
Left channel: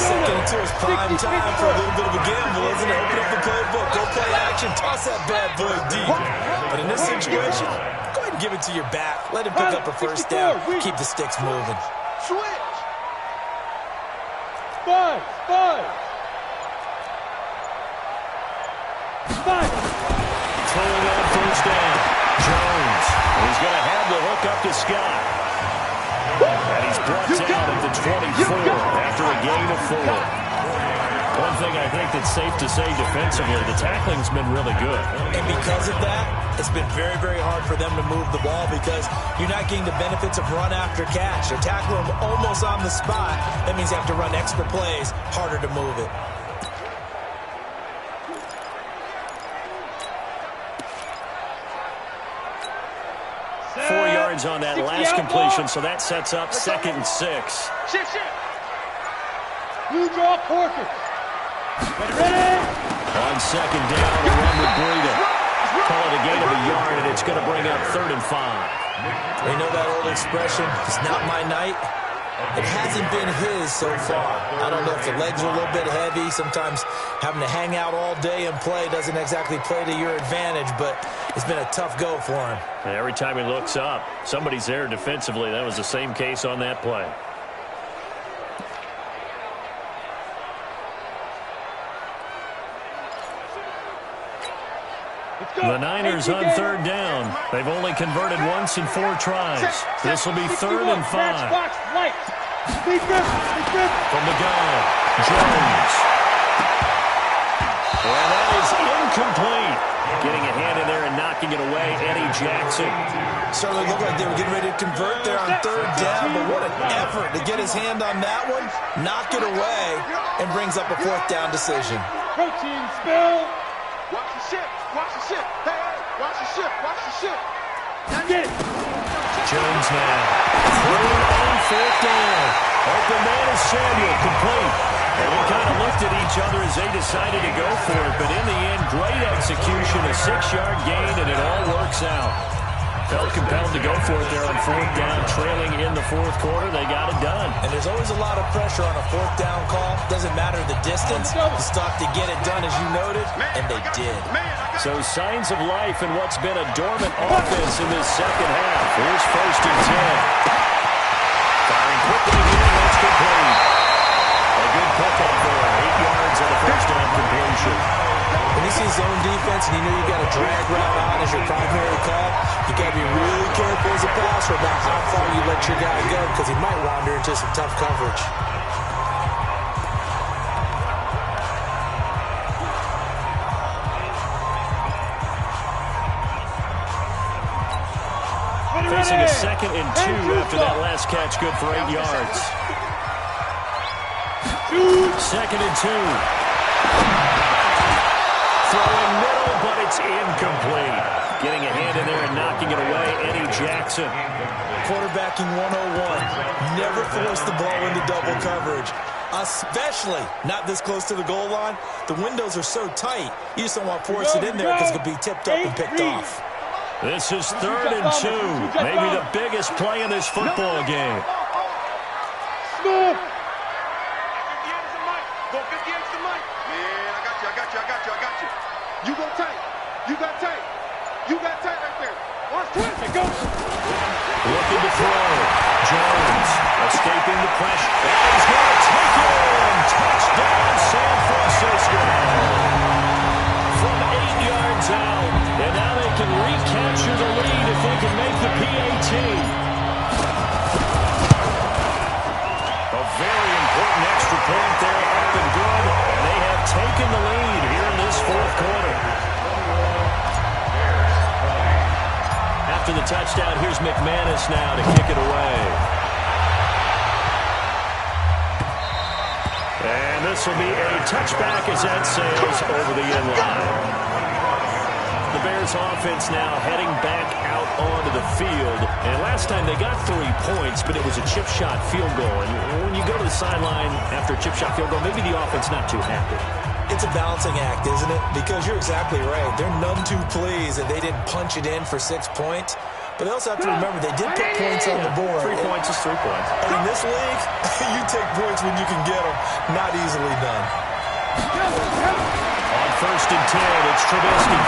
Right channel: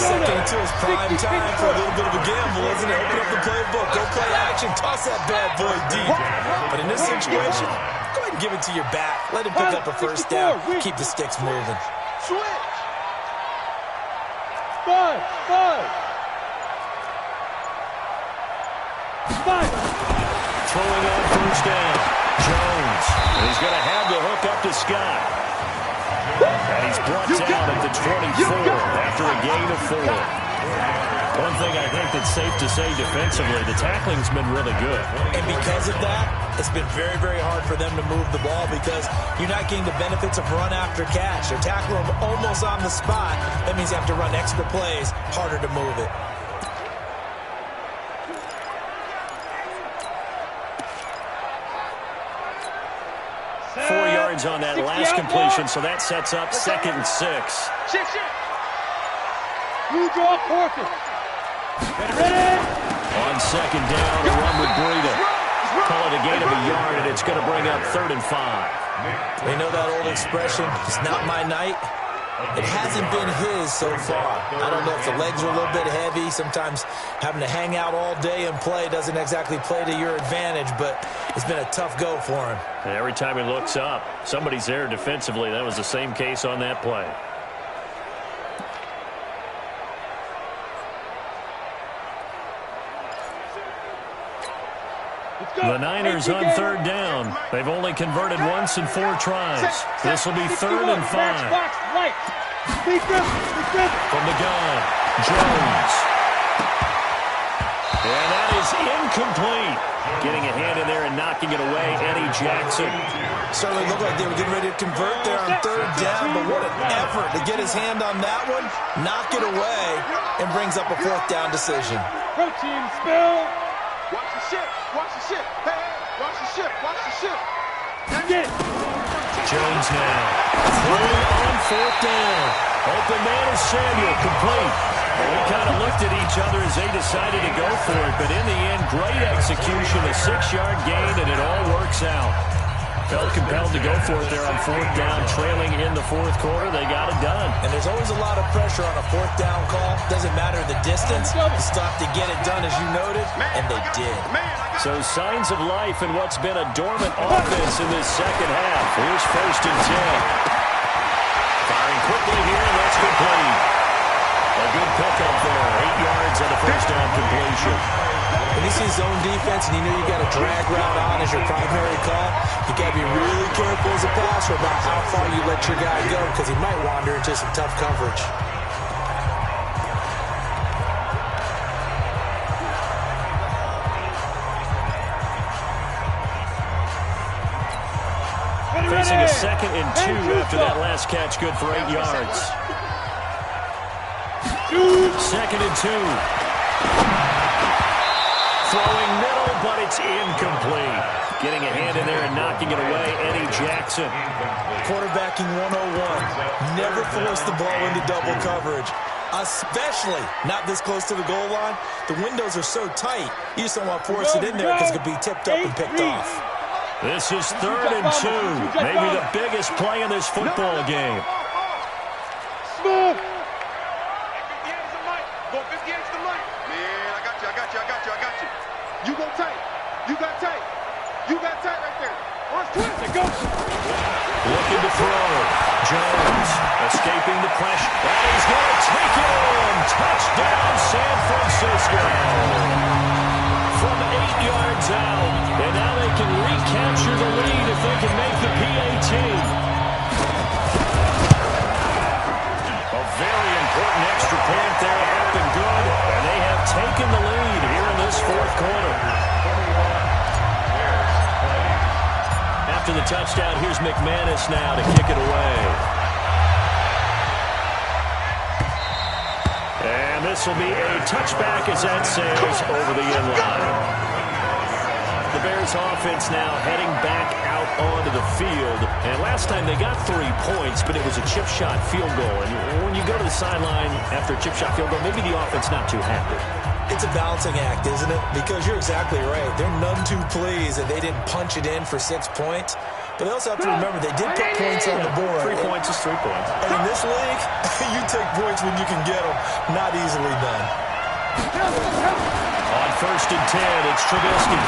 2nd and 2 is prime time for a little bit of a gamble, isn't it? Open up the playbook, go play action, toss that bad boy deep. But in this situation, go ahead and give it to your back. Let him pick up a 1st down, keep the sticks moving. Switch. 5. Throwing on 1st down. Jones. He's going to have the hook up to Scott. And he's brought down at the 24 after a gain of 4. One thing I think that's safe to say defensively, the tackling's been really good. And because of that, it's been very, very hard for them to move the ball because you're not getting the benefits of run after catch. They're tackling them almost on the spot. That means you have to run extra plays, harder to move it. On that last completion, so that sets up 2nd and 6. Shift. Blue draw Corker. Ready. On 2nd down, a run with Breida. Call it a gain of a yard, and it's going to bring up 3rd and 5. You know that old expression, it's not my night? It hasn't been his so far. I don't know if the legs are a little bit heavy. Sometimes having to hang out all day and play doesn't exactly play to your advantage, but it's been a tough go for him. And every time he looks up, somebody's there defensively. That was the same case on that play. The Niners on 3rd down. They've only converted once in 4 tries. This will be 3rd and 5. From the gun, Jones. And that is incomplete. Getting a hand in there and knocking it away, Eddie Jackson. Certainly looked like they were getting ready to convert there on 3rd down, but what an effort to get his hand on that one, knock it away, and brings up a 4th down decision. Protein spill. Watch the ship. Watch the ship. Hey, watch the ship. Watch the ship. Get it. Jones now. Throwing on 4th down. Open man is Samuel, complete. Well, we kind of looked at each other as they decided to go for it, but in the end, great execution, a 6-yard gain, and it all works out. Felt compelled to go for it there on 4th down, trailing in the 4th quarter. They got it done. And there's always a lot of pressure on a 4th down call. Doesn't matter the distance. You still have to get it done, as you noted, and they did. So signs of life in what's been a dormant offense in this second half. Here's 1st and 10. Firing quickly here, and that's complete. A good pickup there. 8 yards on the 1st down completion. When you see zone defense and you know you got a drag route on as your primary call, you got to be really careful as a passer about how far you let your guy go because he might wander into some tough coverage. Facing a 2nd and 2 after that last catch, good for 8 yards. 2nd and 2. Throwing middle, but it's incomplete. Getting a hand in there and knocking it away, Eddie Jackson. Quarterbacking 101. Never force the ball into double coverage, especially not this close to the goal line. The windows are so tight, you just don't want to force it in there because it could be tipped up and picked off. This is 3rd and 2. Maybe the biggest play in this football game. Smooth. 58 is the mic. Go 58 is the mic. Man, I got you. You go tight. You got tight. You got tight right there. Watch twist. Go. Looking to throw. Jones escaping the pressure. And he's going to take it in. Touchdown, San Francisco. From 8 yards out. And now they can recapture the lead if they can make the PAT. A very important extra point there, up and good. And they have taken the lead here in this 4th quarter. After the touchdown, here's McManus now to kick it away. And this will be a touchback as that sails over the end line. The Bears offense now heading back out onto the field. And last time they got 3 points, but it was a chip shot field goal. And when you go to the sideline after a chip shot field goal, maybe the offense not too happy. It's a balancing act, isn't it? Because you're exactly right. They're none too pleased that they didn't punch it in for 6 points. But they also have to remember they did put points on the board. 3 points is 3 points. And in this league, you take points when you can get them. Not easily done. On 1st and 10, it's Trubisky.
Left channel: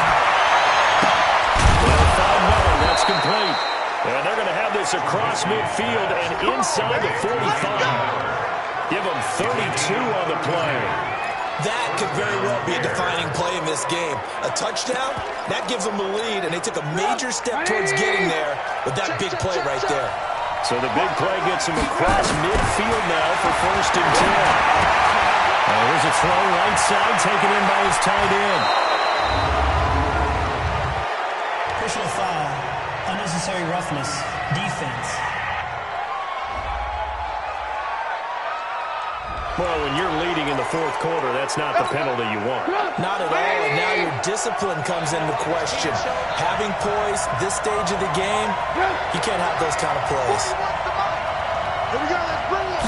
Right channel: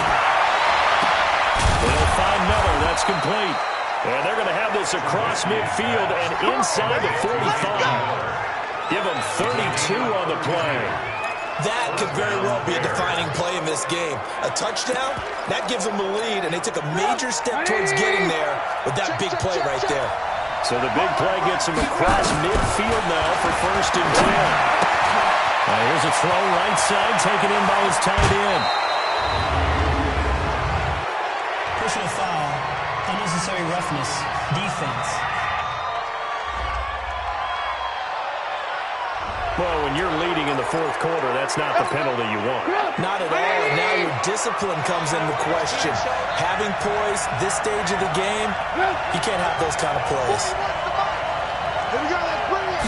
They'll find Miller. That's complete. And they're going to have this across midfield and inside the 45. Give them 32 on the play. That could very well be a defining play in this game. A touchdown, that gives them the lead, and they took a major step towards getting there with that big play right there. So the big play gets them across midfield now for 1st and 10. Here's a throw right side, taken in by his tight end. Personal foul, unnecessary roughness, defense. Well, when you're leading in the 4th quarter, that's not the penalty you want. Not at all, and now your discipline comes into question. Having poise this stage of the game, you can't have those kind of plays. Here we go, let's bring it.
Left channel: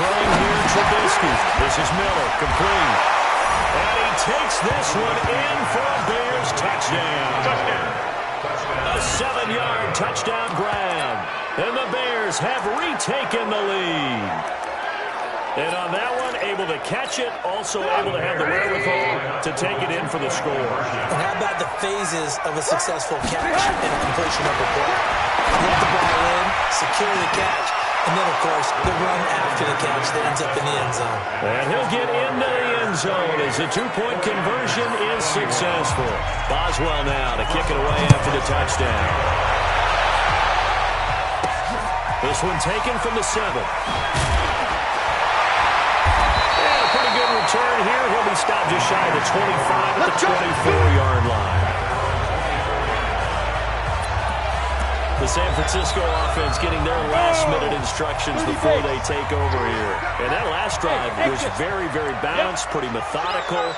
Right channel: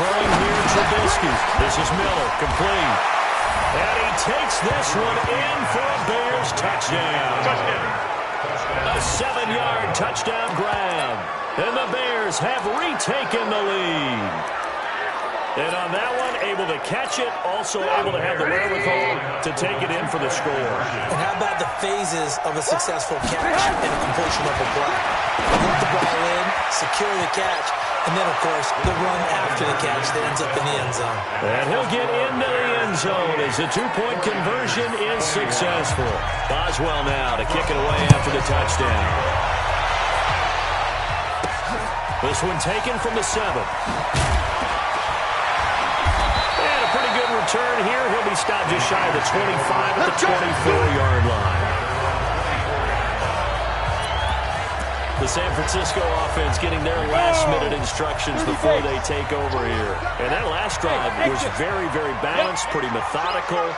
Throwing here, Trubisky. This is Miller, complete. And he takes this one in for a Bears touchdown. A 7-yard touchdown grab. And the Bears have retaken the lead. And on that one, able to catch it, also able to have the wherewithal to take it in for the score. And how about the phases of a successful catch and a completion of a play? Look the ball in, secure the catch, and then, of course, the run after the catch that ends up in the end zone. And he'll get into the end zone as the two-point conversion is successful. Boswell now to kick it away after the touchdown. This one taken from the 7. Pretty good return here. He'll be stopped just shy of the 25 at the 24-yard line. The San Francisco offense getting their last-minute instructions before they take over here. And that last drive was very, very balanced, pretty methodical.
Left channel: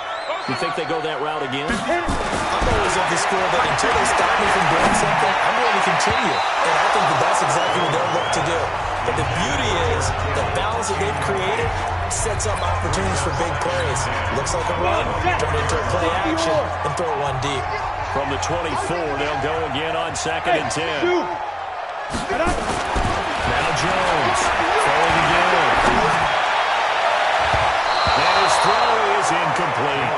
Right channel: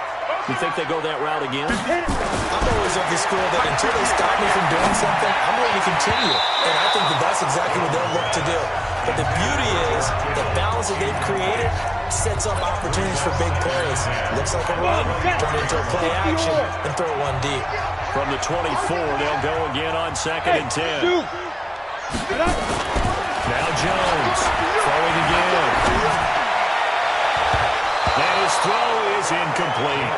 You think they go that route again? I'm always of the school that until they stop me from doing something, I'm going to continue. And I think that that's exactly what they'll look to do. But the beauty is the balance that they've created sets up opportunities for big plays. Looks like a run, turn it into a play action, and throw one deep. From the 24, they'll go again on 2nd and 10. Now Jones throwing again. And his throw is incomplete.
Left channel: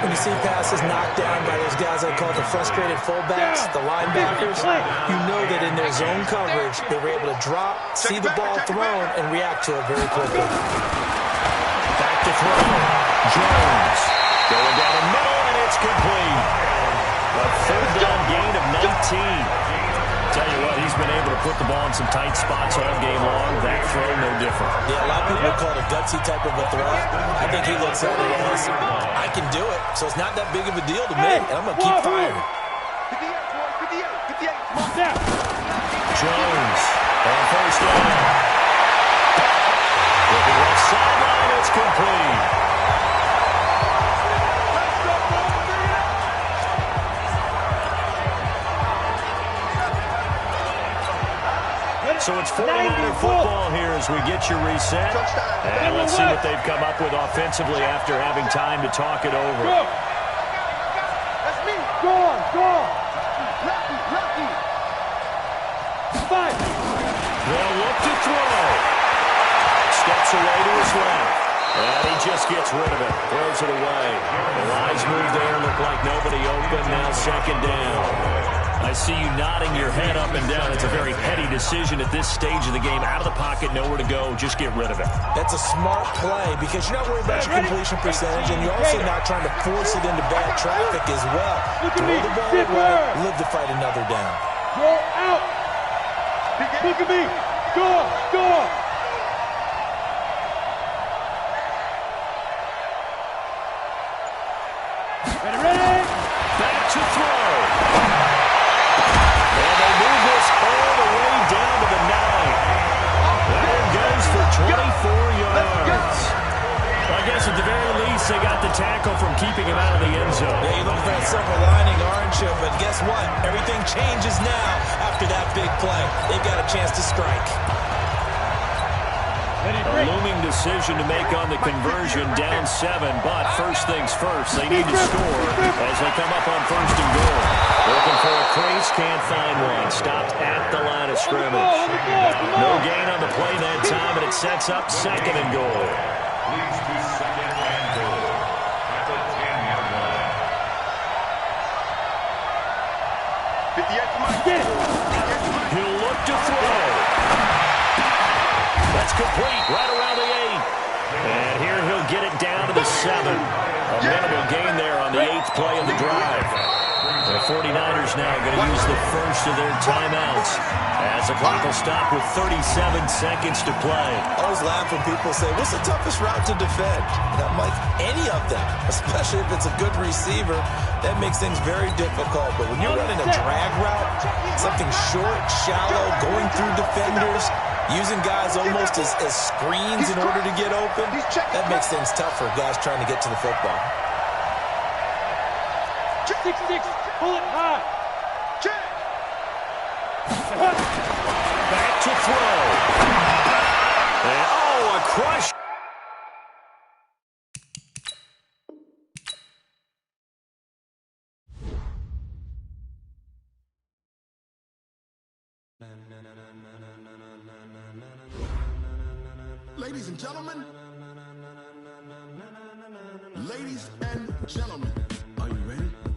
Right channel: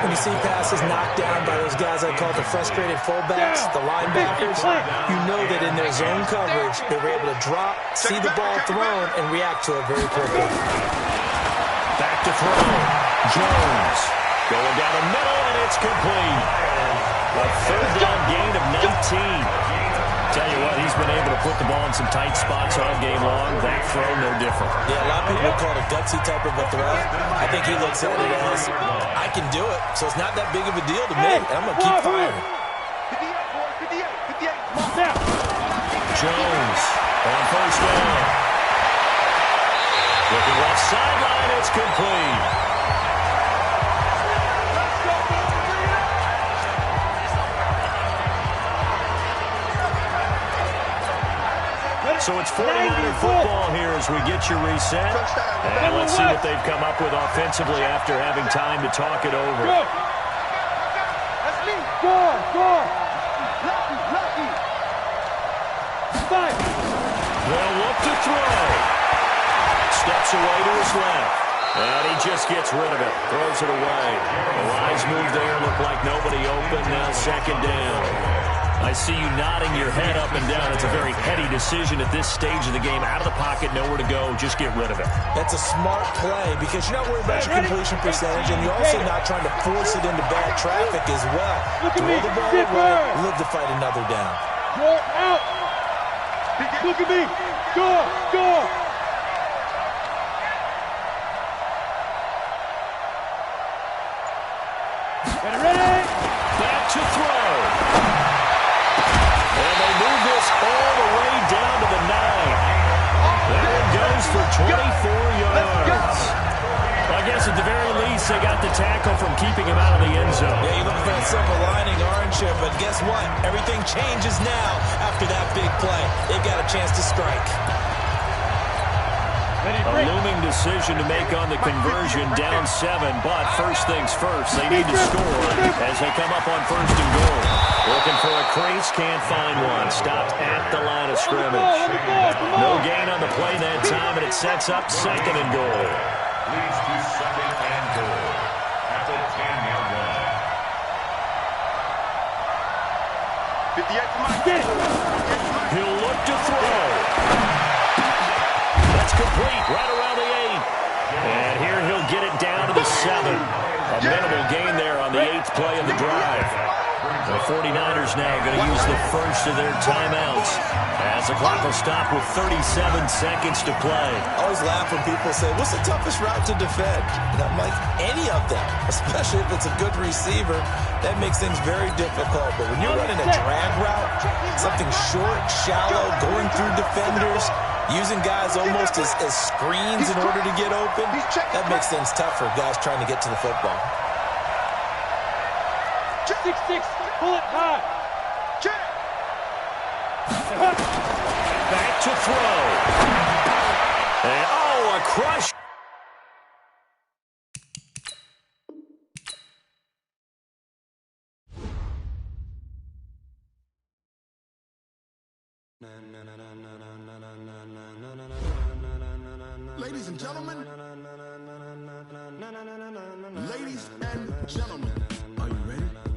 When you see passes knocked down by those guys I call the frustrated fullbacks, the linebackers, you know that in their zone coverage, they were able to drop, see the ball thrown, and react to it very quickly. Back to throw. Jones going down the middle, and it's complete. A 3rd down gain of 19. Tell you what, he's been able to put the ball in some tight spots all game long. That throw, no different. Yeah, a lot of people call it a gutsy type of a throw. I think he looks at it as, I can do it, so it's not that big of a deal to me, and I'm going to keep firing. 58, come on down. Jones on 1st down. Looking left sideline, it's complete. So it's 49er football here as we get you reset. And let's see what they've come up with offensively after having time to talk it over. That's me. Go on. Lucky. 5. They'll look to throw. Steps away to his left. And he just gets rid of it. Throws it away. The lines move there. Look like nobody open. Now 2nd down. I see you nodding your head up and down. It's a very heady decision at this stage of the game. Out of the pocket, nowhere to go. Just get rid of it. That's a smart play because you're not worried about your completion percentage, and you're also not trying to force it into bad traffic as well. Throw the ball away, live to fight another down. Go out. Look at me. Go. Ready. Back to throw. And they move this all the way down to the 9. That one goes for 24 yards. I guess at the very least, they got the tackle from keeping him out of the end zone. Yeah, you're looking for that silver lining, aren't you? But guess what? Everything changes now after that big play. They've got a chance to strike. A looming decision to make on the conversion, down 7, but first things first, they need to score as they come up on 1st and goal. Looking for a crease, can't find one. Stopped at the line of scrimmage. No gain on the play that time, and it sets up 2nd and goal. Leads to 2nd and goal at the 10-yard line. 58 for Mike. He'll look to throw. That's complete right around the 8. And here he'll get it down to the 7. A minimal gain there on the 8th play of the drive. The 49ers now going to use the first of their timeouts as the clock will stop with 37 seconds to play. I always laugh when people say, what's the toughest route to defend? And I'm like, any of them, especially if it's a good receiver. That makes things very difficult. But when you're running a drag route, something short, shallow, going through defenders, using guys almost as screens in order to get open, that makes things tough for guys trying to get to the football. 6-6, pull it high. Back to throw. And, a crush. Ladies and gentlemen, are you ready?